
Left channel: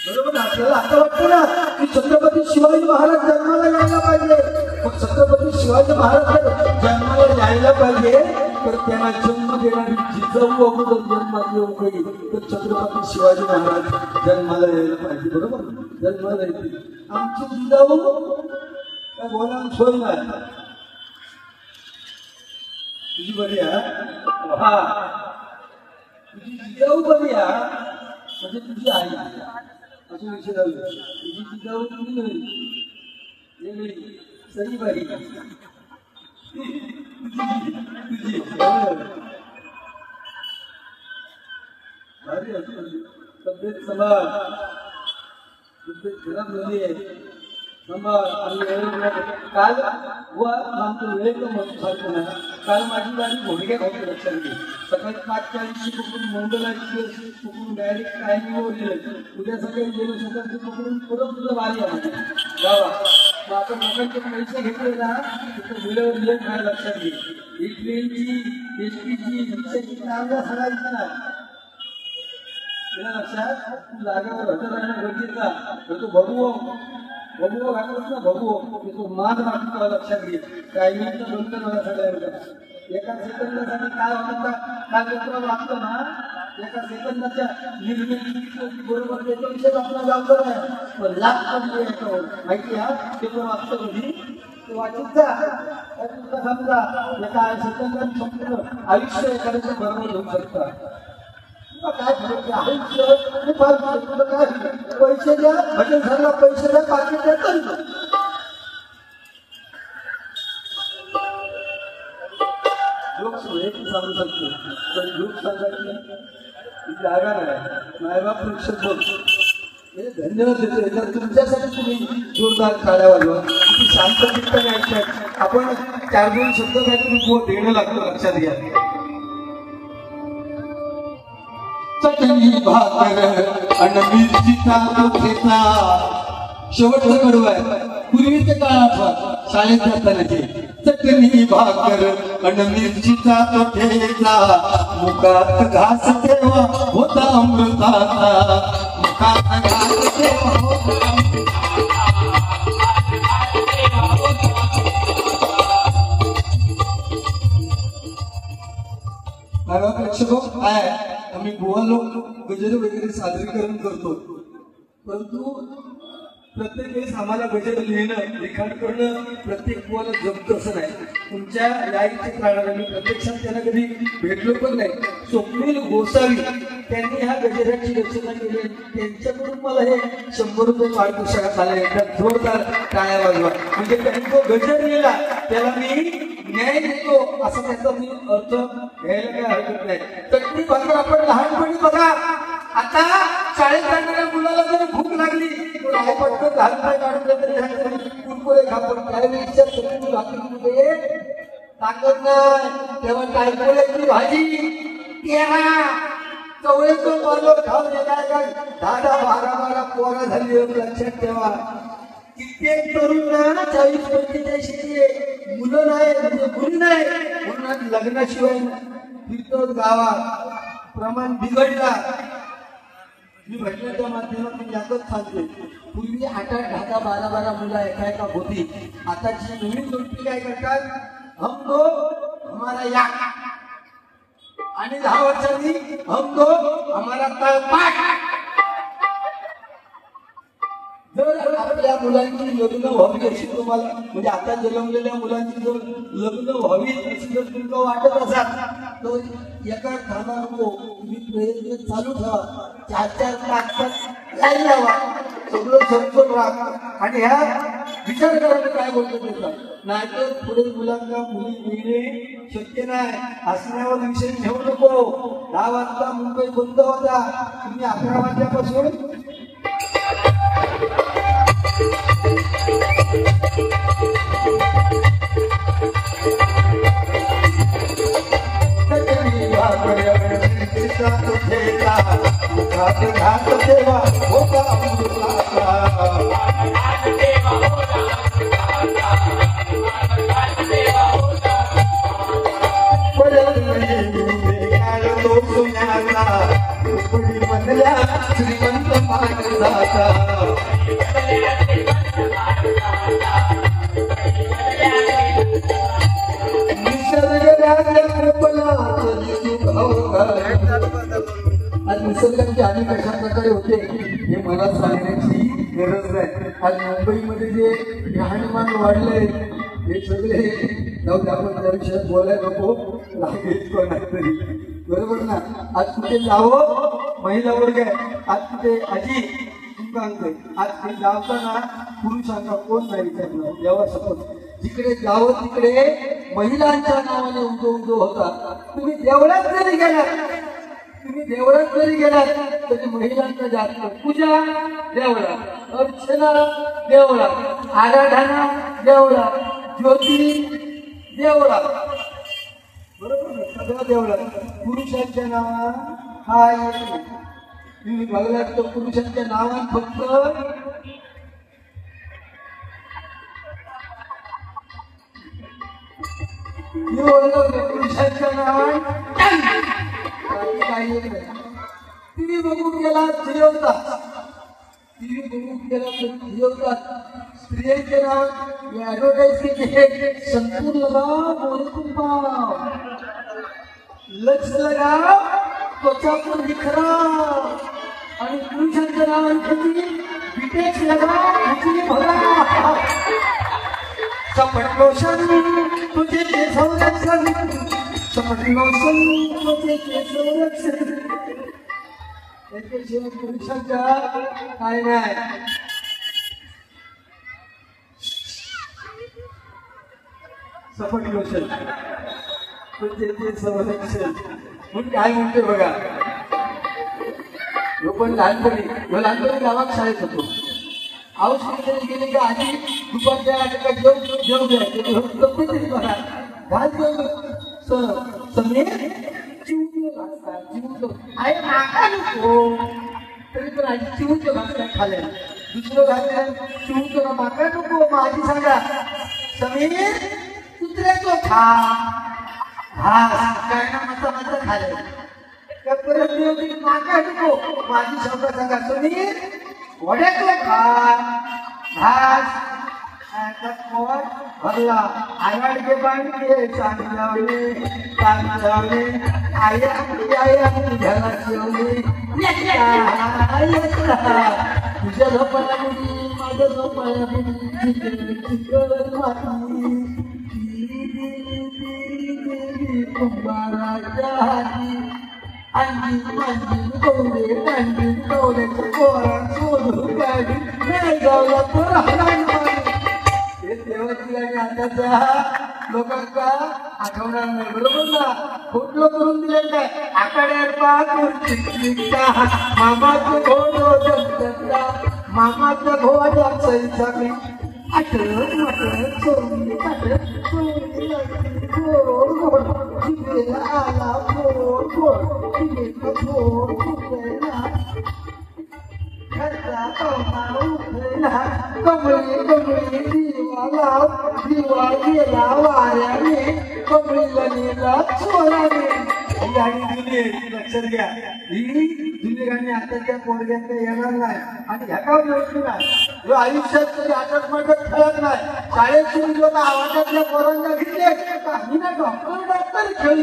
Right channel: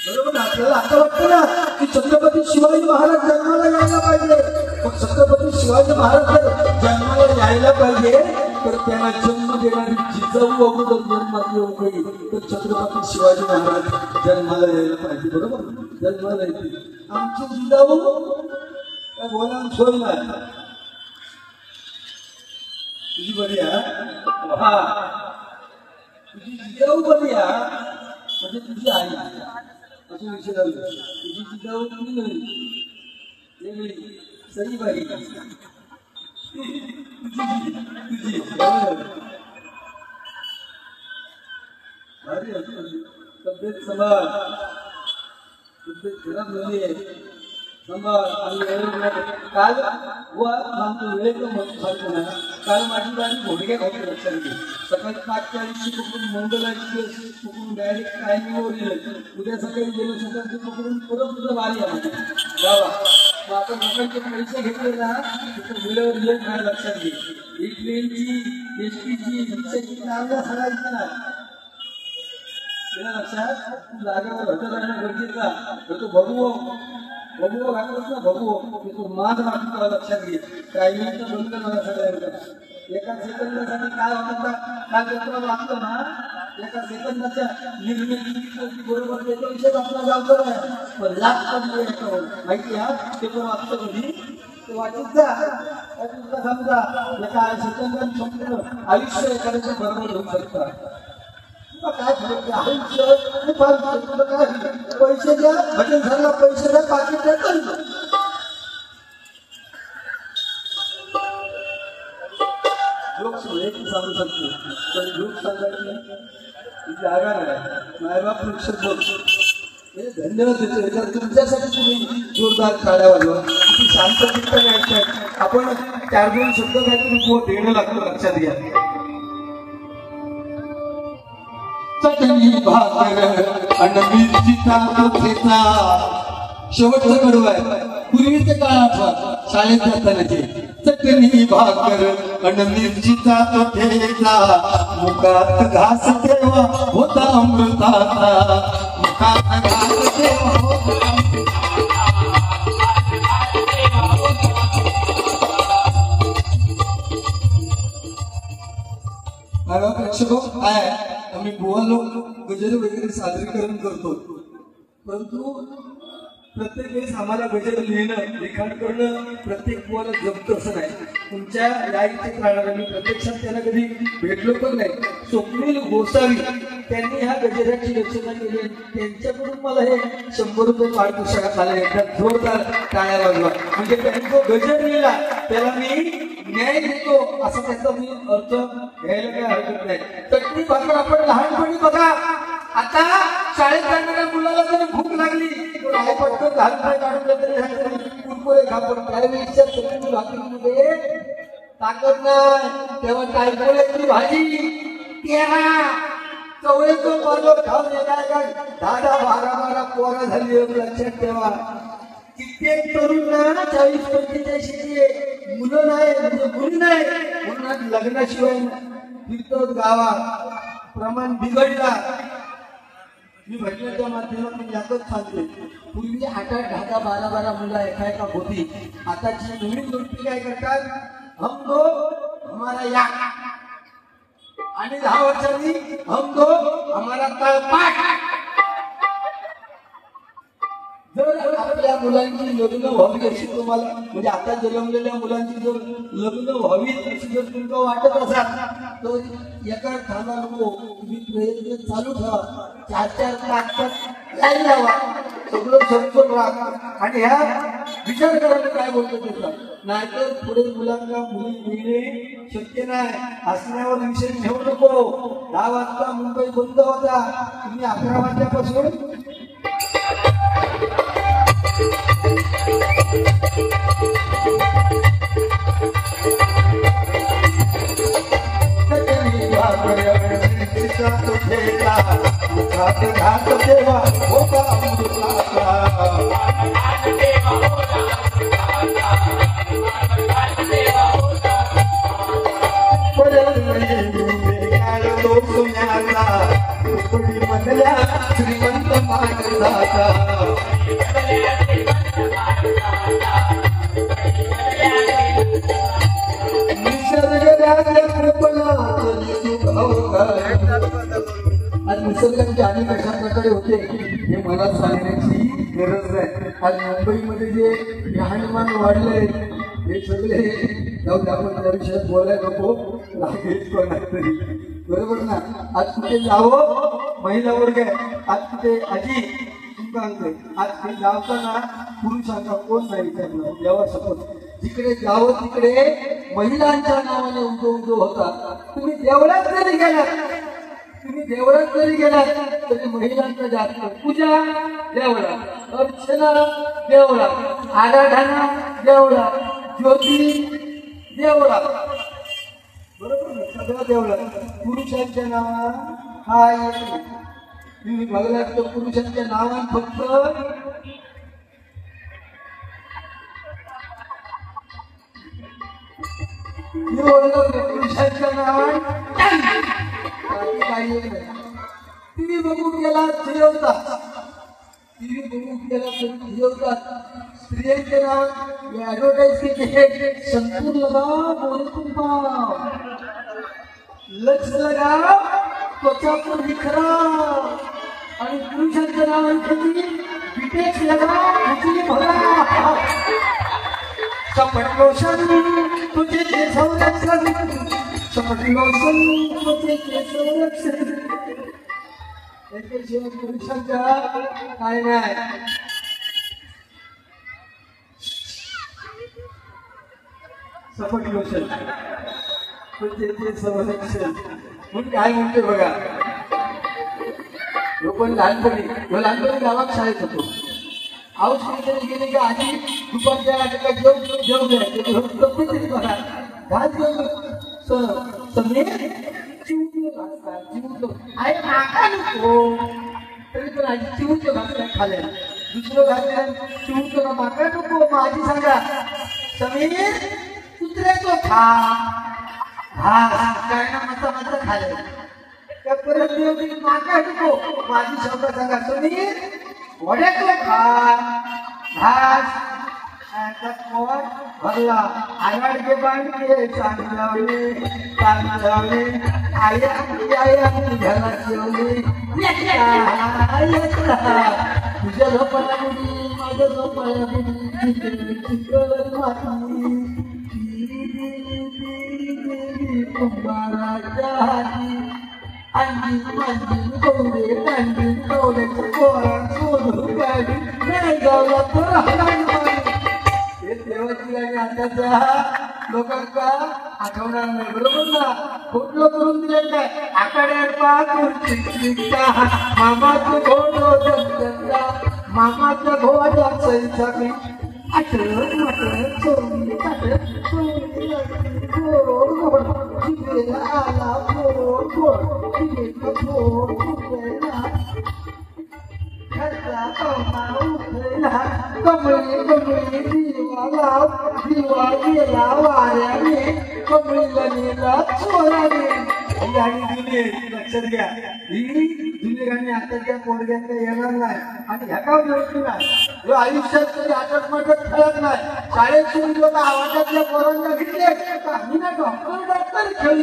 बरोबर आपल्याला असं वाटतं ना की छत्रपती शिवाजी महाराज जन्माला यायला पाहिजे. पण छत्रपती शिवाजी महाराज जन्माला यायला पाहिजे तर त्यांना जन्म देणारी जिजाऊ अगोदर जन्माला येऊ नये. तर छत्रपती शिवाजी महाराज जन्माला यायला पाहिजे. बरोबर जन्माला येते. आमची जिजाऊ काय बोलायला सोय नाही. तुझी बरी हा, तुझी जिजाऊ बरी म्हणजे तुझी आई असं विषय झालं. तुझी जिजाऊ तुझी बरी सई बाई तुझी भारी तब्येत सांभाळ, तब्येत खराब झाली आहे सांभाळ. काल काल माझी घोडगे घातले लक्षात घे. सकाळी 5:40 पकडून मोबाईलची पकडून डायरेक्ट टायमिंगवर गेले. उद्या सगळे गेलो सगळ्यांचे पकडून परत तुला वारी आहे गावा. मग आता लोकांचे पैसे घेतले ना तिथं मिळवून येत नाही. लक्षात घे. ही ट्रेनची एसटीची रिक्षाची चार्ज सांगायचं ना लक्षात जागेवर हॉटेल आणणं गरजेचं. तो बघू घालतोस ना बघू तो मान मागतो. लक्षात घे. टायमिंगचं बंद मला सगळ्यांना एका सेकंदासाठी काय होतं काय पेपर वाचतो ना एका सेकंदाच्या निर्मिती बरोबर त्याच्या विषय आपला जाणतो आहे. पण लाख येतो माहिती आहे पेपर वाचतो म्हणजे ते वाचत जा समजा एका सेकंदात फक्त आयुष्य एखाद्याच्या बरोबर घेऊ शकतात. काय आयुष्य फार काय पैसे द्या भजन झाला पैसे द्या पाकिट द्या लोक सांगू शकतो. पण लोक सांगायचे जागा नाही. मायबाप लक्षात बघतो. धन्यवाद देतो. याच्यात तुमच्यासाठी तुम्ही जोरदार टाळ्या वाजवा. शांत आपण 4-2 शब्द काही देणं लागतं. लक्षात घ्या. चटणी भाकर मिरचीचा लोचेचा शेवटचा कडू आहे. पूर्वीचे काळ आठवत शाळेत जातानाची. चटणी भाकर मिरचीचा लोचेचा मुखात घास तेव्हा होता अमृताचा. मुखात घास काय आम्ही गोवा लोक गजल वगैरे सादरीकरण करतो. परंतु प्रत्येक वेळेस आम्हाला गजल लिहिणं लिखाण करणं प्रत्येक गोवाला जमतं असं नाही. तुमच्या लाईनचे काढायला मी प्रत्यक्षात त्यांना कधी भेटलो पण नाही. स्वप्नील गोसावी त्यांनी ह्या गजलाची रचना केली. त्यांच्याकडून मला हे 100 रुपये पारितोषिक आले. एखाद जोरदार टाळ्या वाजवा. म्हणजे त्यांनी जो गजल लिहिला त्याला मी न्याय देतो असं त्याचा मी अर्थ घ्यायला काय हरकत नाही. चटणी भाकर आपण लहानपणी बघा. आता शाळेत जाणाऱ्या मुलाला जरी भूक लागली पटकन 10 रुपये काढून तरी कुरकुरे खातो. त्यावेळेच्या चटणी भाकरीमध्ये ताकद नाही. तेव्हा टायपोळ्याची भाजी तेव्हा चवळीचं पालो खाऊन येणार 10-12 पोरं झाली. लक्षात ठेवा. कित्येक तरुणांना 40-45 मुलं नाही म्हणजे मुली नाही म्हणून लग्नाशिवाय फिरतो गावात. प्रमाण बिघडला. मी घटनेच्या माध्यमातून यातच सांगते. पूर्वी 8-10-12 मुलं एका होती. आताची नवीन गोष्टी काय करतात हम दो हमारा या आणि 10 वर्षांनी हम दो हमारा तळपाट. जर आपल्या मुलांची लग्न व्हावी अशी तुम्हाला म्हणजे आता जन्मलेल्या मुलांची जर लग्न व्हावी अशी जर तुमका वाटत असाल तर एका खाना नको तुम्ही प्रयत्न चालू ठेवा. 4-4 तास यायला लावा सगळं समजून राहा आणि ह्या विचार करायला काय बोलतो त्याचा. नाहीतर पुढे मुलांना मुली मिळणे शक्य नाही. असण्यावर विषय घेऊ नको. 10 वाजता मुंबई बंद होता तुम्ही 11 वाजल्यापासून निसर्गाचे अनेक अशा प्रकारे होते हे मला सांगण्याची गरज नाही. आज मुंबईमध्ये जे राहणीमान वाढले हे सगळे आपण त्या विषयात बोलायला नको लागेल कोणातरी. बरोबर ना. आज कुठे जावं महिला वर्ग आहे. आज कुठे आजी सांगते आज जाताना पुरुषांचा कोण नाही विचारलं देवा सपोज जिकडे जावं तिकडे महिलांच्या नावाने उद्योग होता. तुम्ही देवळात जरी गेला तरी महिलांचा जास्त पूजा देवळा, अर्चना देवळा, आराधना देवळा, ज्योती देवळा. बरोबर सगळा देवळा. पुरुषांच्या नावात हा येतो. तुम्ही बघला तर पुरुषांच्या नावात फक्त पुरुषांच्या नावात टीव्ही बघून गेला जिरवतात. स्त्रियांचे नाव ऍडव्हर्टाईज केले संतूर लगाव मोरतून पाव, लक्ष लगाव त्वचा पर निखराव आणि पुरुषांचं नाव घेतली बिटेक्स लगाव घेतली बघा चपट लोशन तुझे केस संरक्षण चपट लोशन तुझे केस संरक्षण. पुरुषांच्या काय नाही सपट लोशन तुझे केस संरक्षण म्हणून काय म्हणते बघा. लोक लहानपणी गावात शाळेत होतो. आऊस केले गेले की आधी दुपारच्या जेवण करायचे तब्येत करा घात सगळे आहे नाका नको तरी पण आधी चिवूचं घातल्या खाल्या दुसरं घातल्या चिवूचं नाका नको. माझी सांगा समीर कुत्र्याचं खा काय ना मसाला खाल्या परत नाका नको. माझी सांगा समीर वड्याचं खा घास भरला आयाड के बांधले चांगलावले आया घरात जेवले तुझ्या झोपाला मुली माझ्या झोपाला लोकांचा आठवणार नाही. बरोबर ना. फोटो करून दिले काय आखाड्यात मामाचं घोड मामाच्या घोड्या सैसावी लक्षात घ्या. ही जुनी गाणी आताच्या पोरग्यांना येणार नाही आणि ह्या गाव नाही आयुष्यात कधी आठवण खेळत नाही. शाळेत गावातल्या पोरांना घेतले काही ना डॉक्टर खेळली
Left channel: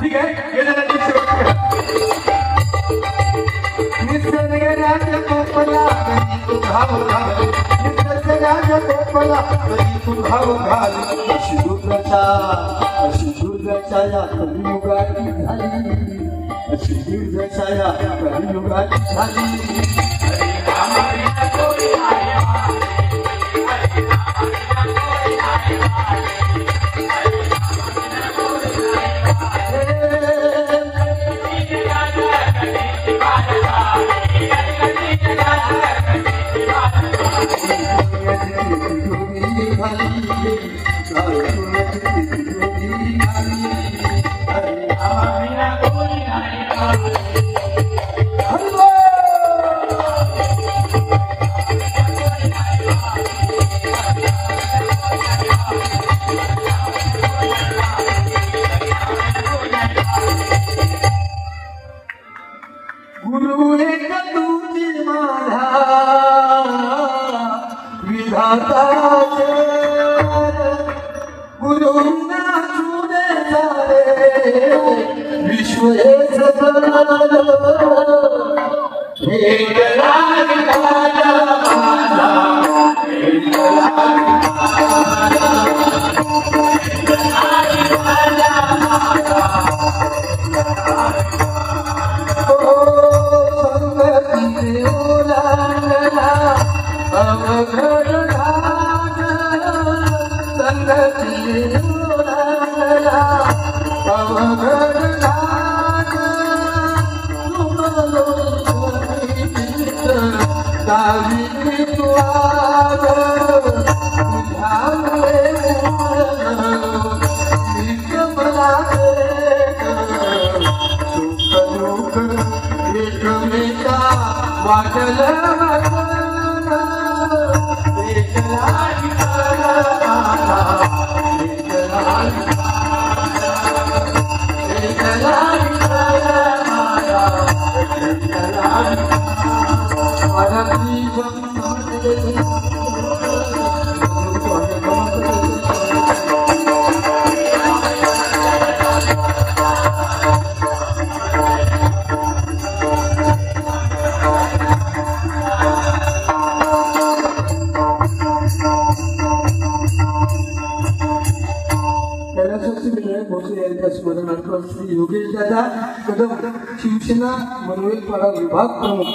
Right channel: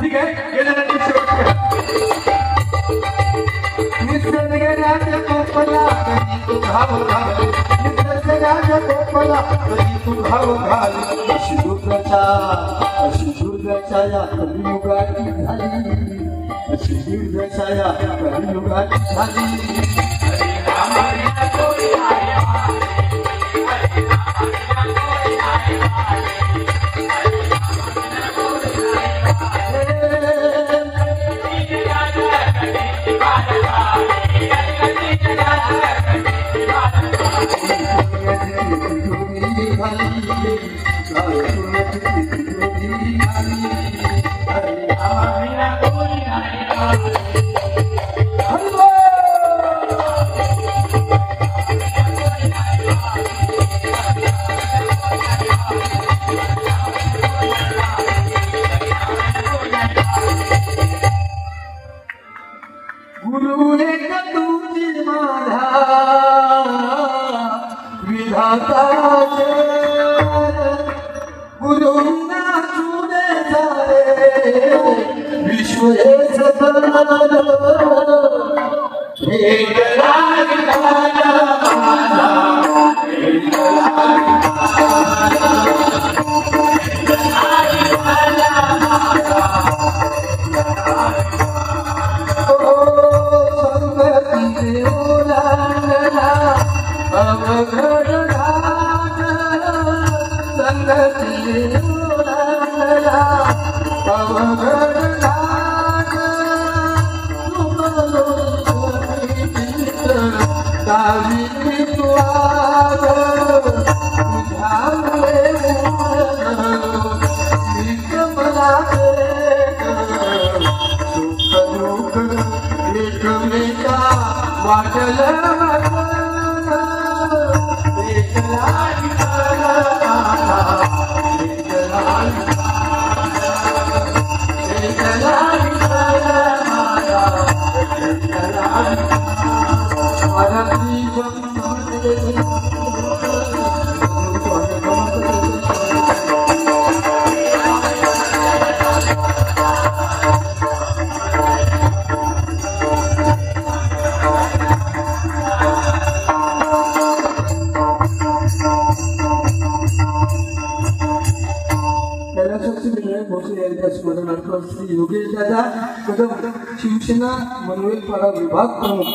ठीक आहे निसर्गाच्या कोपला तू भाव घाल निसर्गाच्या कोपला तू भाव घाल अशी दुर्गच्या या कलियुगाची झाली अशी दुर्गच्या या कलियुगाची झाली योगेश दादा शिवसेना मनोरंजन विभाग प्रमुख